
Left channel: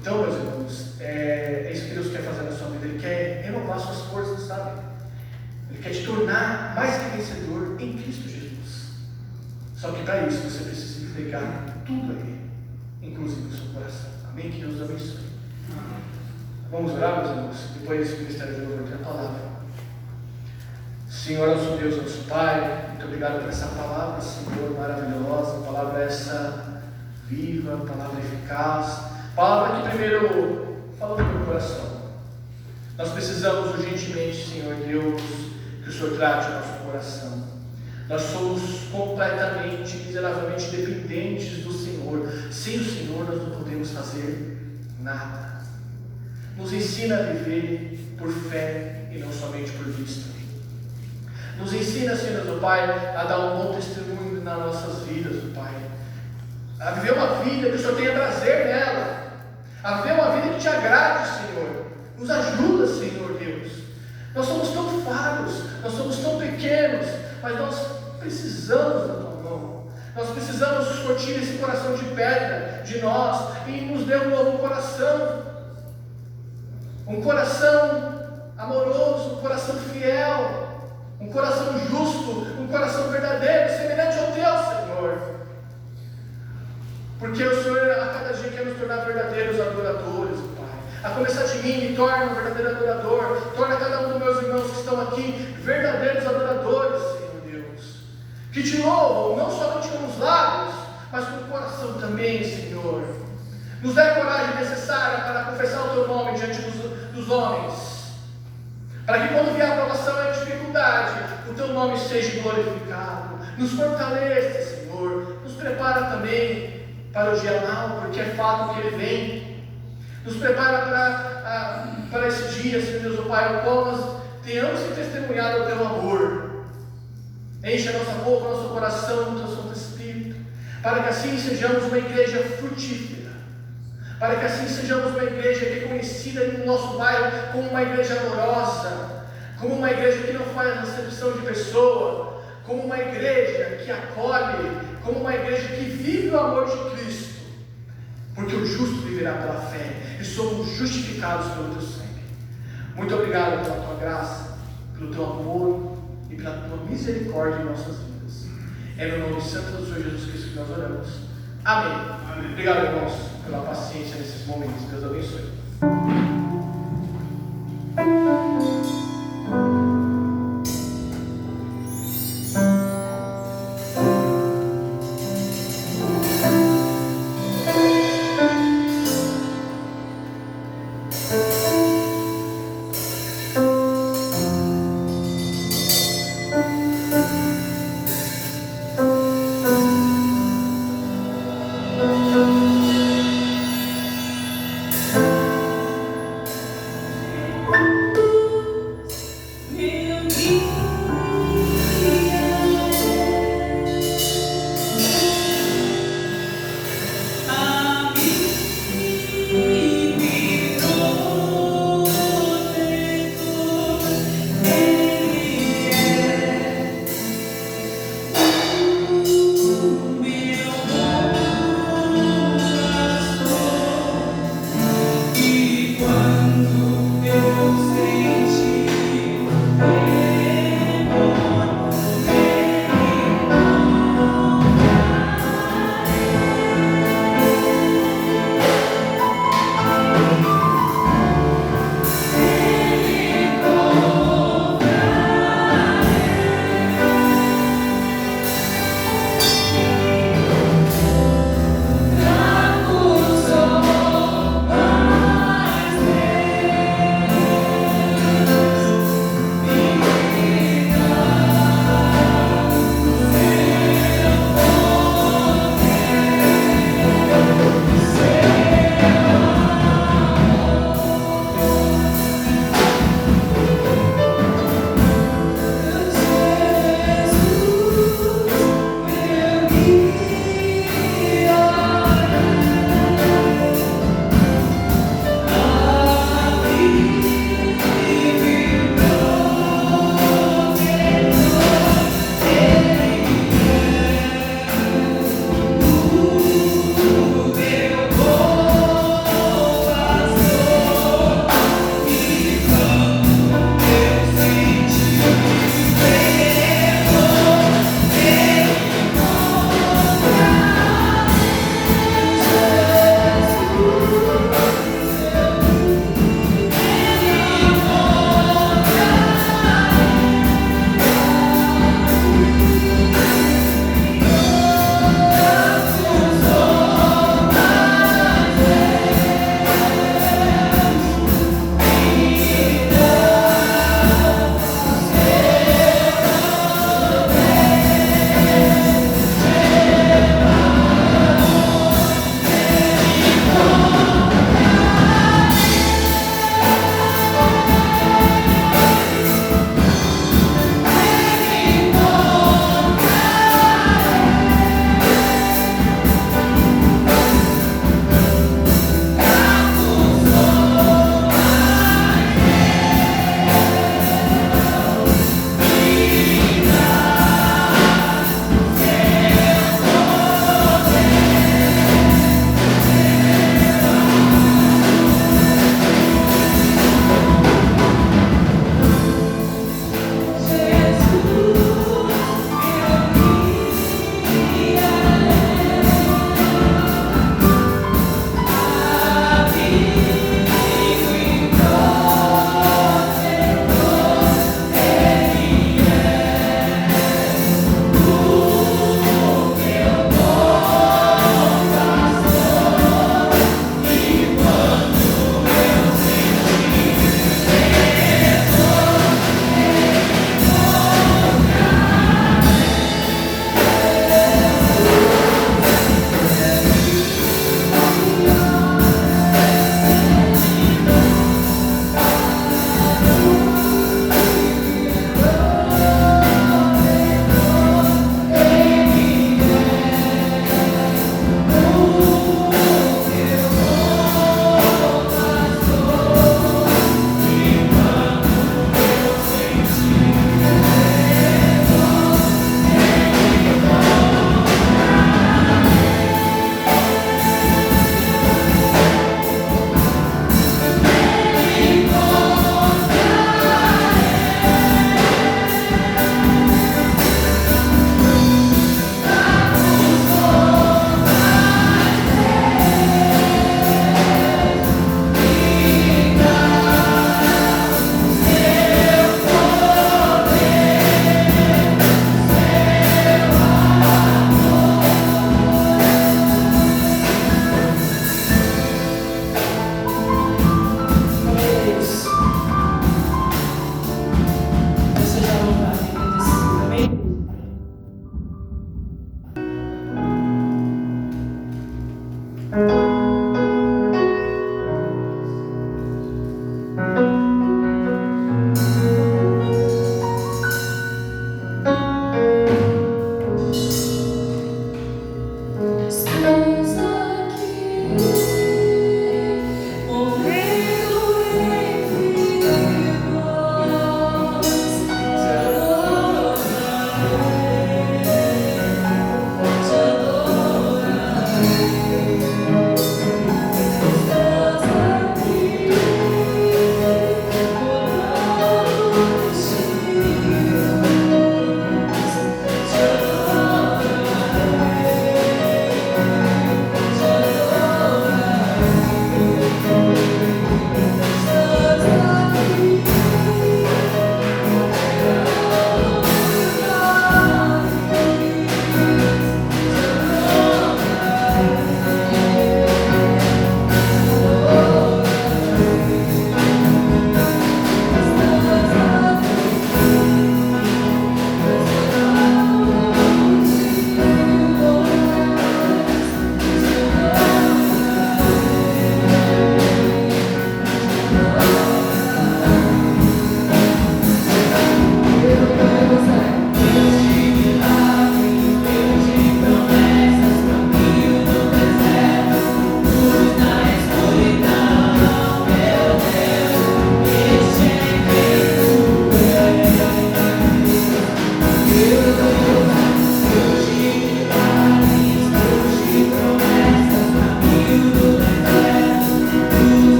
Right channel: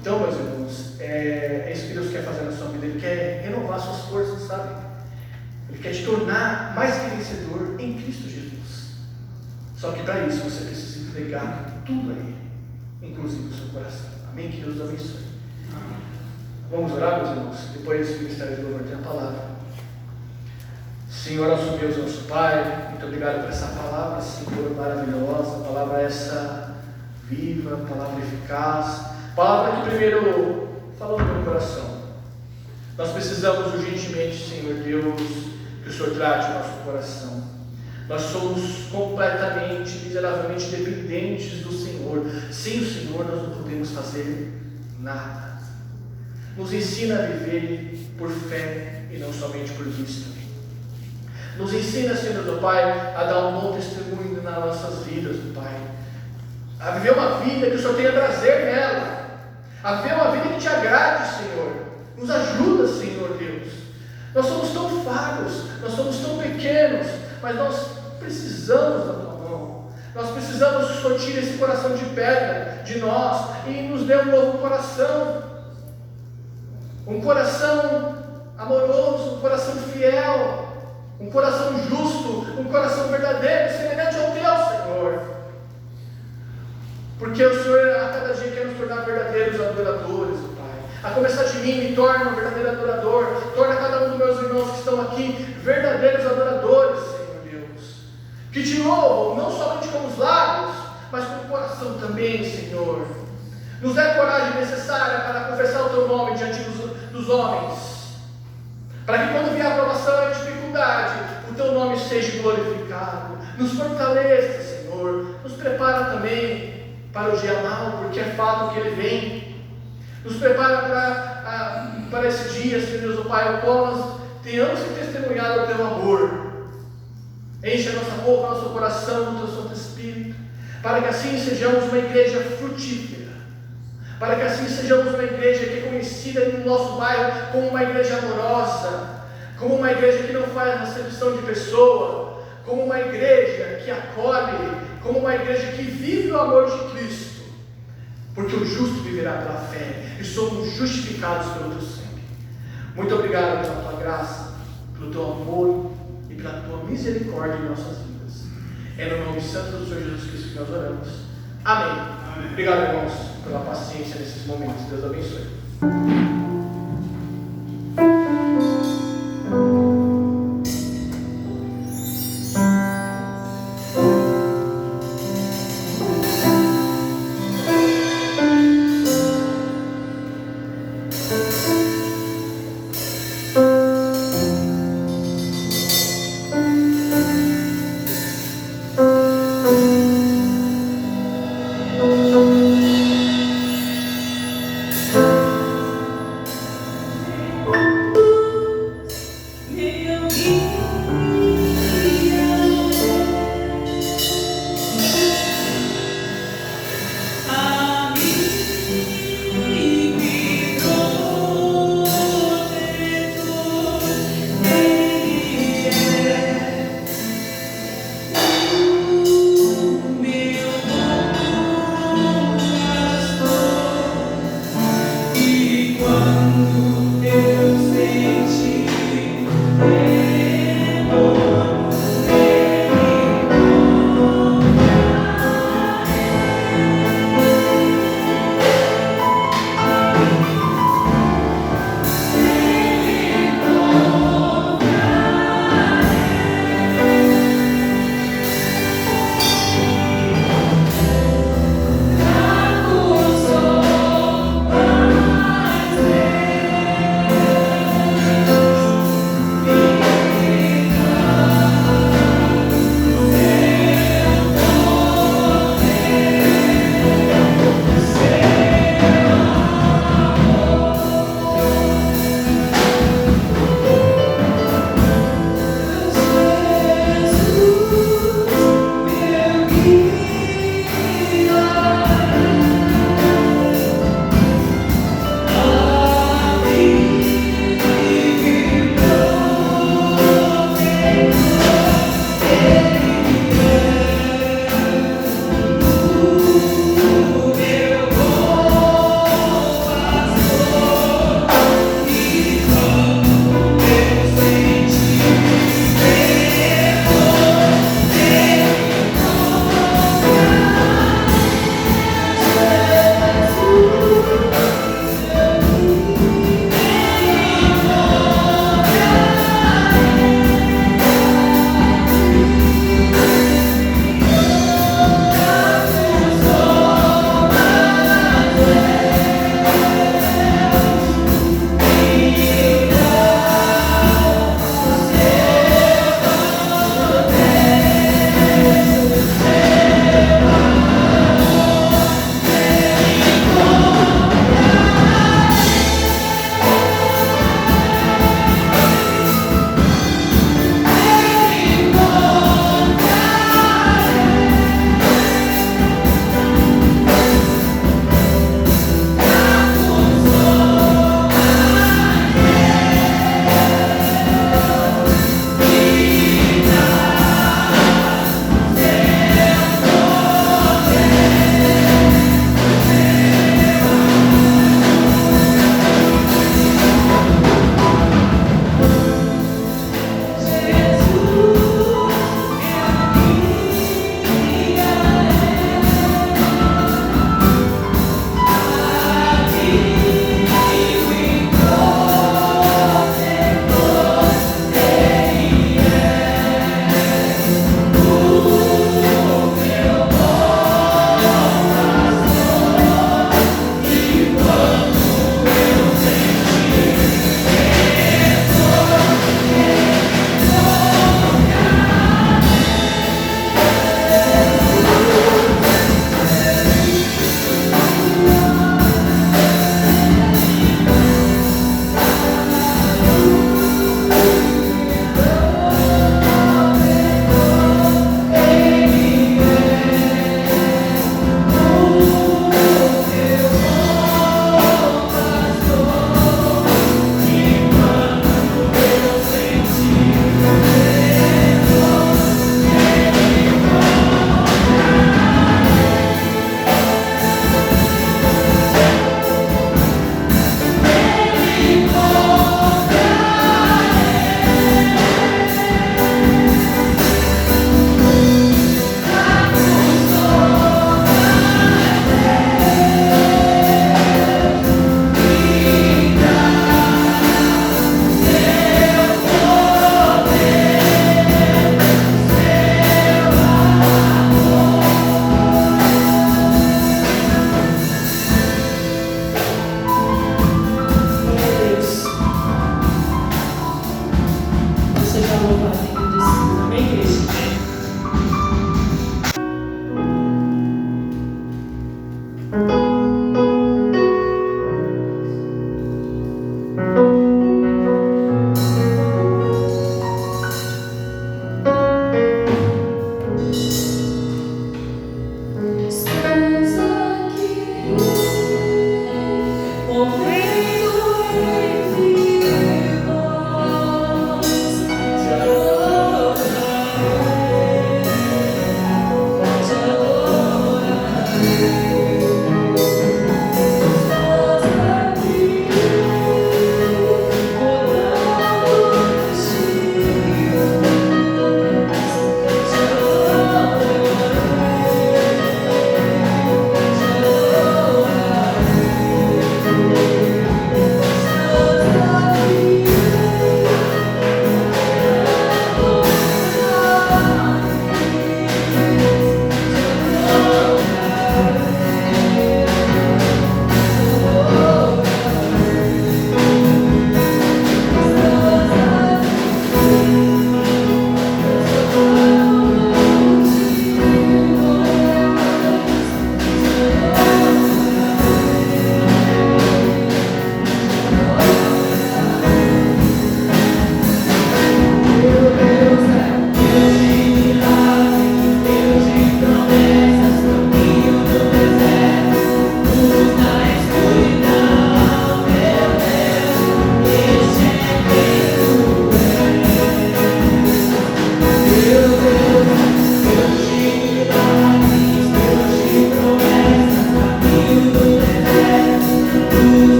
Então, meus irmãos, é isso que Deus quer fazer na sua vida. Ele quer renovar suas forças, sabe? Ele quer te tornar mais que vencedor em Cristo Jesus. Só que para isso você precisa entregar tudo a Ele, inclusive o seu coração. Amém? Que Deus abençoe. Vamos orar, meus irmãos? Depois do ministério de louvor tem a palavra. Senhor, nosso Deus, nosso Pai, muito obrigado por essa palavra, Senhor, maravilhosa, palavra essa viva, palavra eficaz, palavra que primeiro falou no meu coração. Nós precisamos urgentemente, Senhor Deus, que o Senhor trate o nosso coração. Nós somos completamente, miseravelmente dependentes do Senhor. Sem o Senhor nós não podemos fazer nada. Nos ensina a viver por fé e não somente por vista. Nos ensina, Senhor, meu Pai, a dar um bom testemunho nas nossas vidas, meu Pai. A viver uma vida que o Senhor tenha prazer nela. A viver uma vida que te agrade, Senhor. Nos ajuda, Senhor Deus. Nós somos tão falhos, nós somos tão pequenos, mas nós precisamos da Tua mão. Nós precisamos sortir esse coração de pedra de nós e nos dê um novo coração. Um coração amoroso, um coração fiel, um coração justo, um coração verdadeiro, semelhante ao Teu, Senhor. Porque o Senhor a cada dia quer nos tornar verdadeiros adoradores, Pai. A começar de mim, me torna um verdadeiro adorador. Torna cada um dos meus irmãos que estão aqui verdadeiros adoradores, Senhor Deus. Que te louvam, não somente com os lábios, mas com o coração também, Senhor. Nos dê a coragem necessária para confessar o Teu nome diante dos homens. Para que quando vier a provação e a dificuldade, o Teu nome seja glorificado. Nos fortaleça, Senhor. Nos prepara também para o dia mau, porque é fato que ele vem. Nos prepara para esse dia, Senhor Deus, Pai, o qual nós tenhamos que testemunhar o Teu amor. Enche a nossa boca, nosso coração com o Teu Santo Espírito, para que assim sejamos uma igreja frutífera. Para que assim sejamos uma igreja que é conhecida no nosso bairro como uma igreja amorosa, como uma igreja que não faz acepção de pessoa, como uma igreja que acolhe, como uma igreja que vive o amor de Cristo, porque o justo viverá pela fé, e somos justificados pelo Teu sangue. Muito obrigado pela Tua graça, pelo Teu amor e pela Tua misericórdia em nossas vidas. É no nome santo do Senhor Jesus Cristo que nós oramos. Amém. Obrigado, irmãos, pela paciência nesses momentos. Deus abençoe.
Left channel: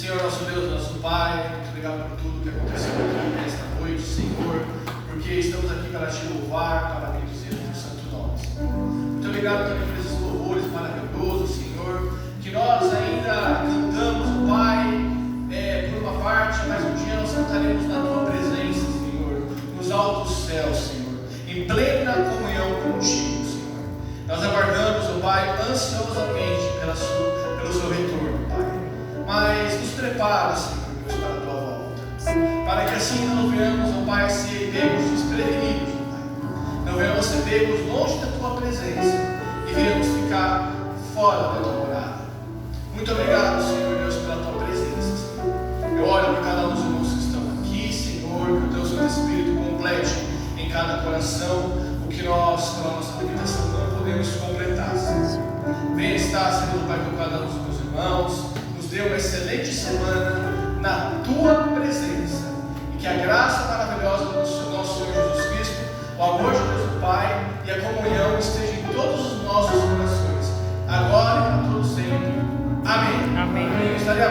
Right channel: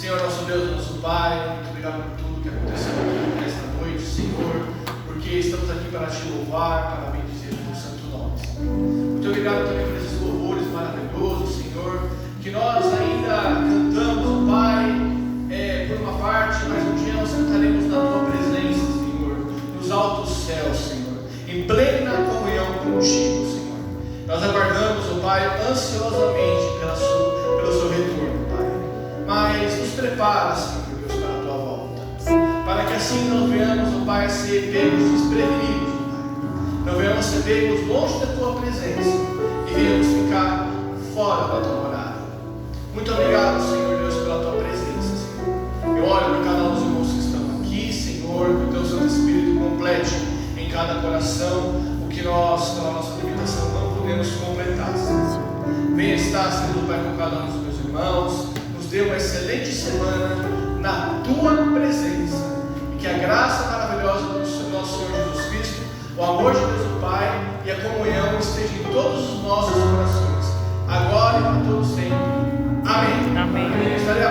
Senhor, nosso Deus, nosso Pai, muito obrigado por tudo que aconteceu aqui nesta noite, Senhor, porque estamos aqui para te louvar, para bendizer o teu santo nome, Senhor. Muito obrigado também por esses louvores maravilhosos, Senhor, que nós ainda cantamos, Pai, por uma parte, mas um dia nós cantaremos na tua presença, Senhor, nos altos céus, Senhor, em plena comunhão contigo, Senhor. Nós aguardamos, Pai, ansiosamente pelo seu retorno, Pai. Mas nos prepara, Senhor Deus, para a tua volta, para que assim não venhamos, Pai, ser pegos desprevenidos, Pai. Não venhamos ser pegos longe da tua presença e venhamos ficar fora da tua morada. Muito obrigado, Senhor Deus, pela tua presença, Senhor. Eu oro por cada um dos irmãos que estão aqui, Senhor, que o teu Santo Espírito complete em cada coração o que nós, pela nossa limitação, não podemos completar, Senhor. Venha estar, Senhor, Pai, com cada um dos meus irmãos. Nos dê uma excelente semana na tua presença. E que a graça maravilhosa do nosso Senhor Jesus Cristo, o amor de Deus o Pai e a comunhão estejam em todos os nossos corações, agora e para todos sempre. Amém. Amém. Estarei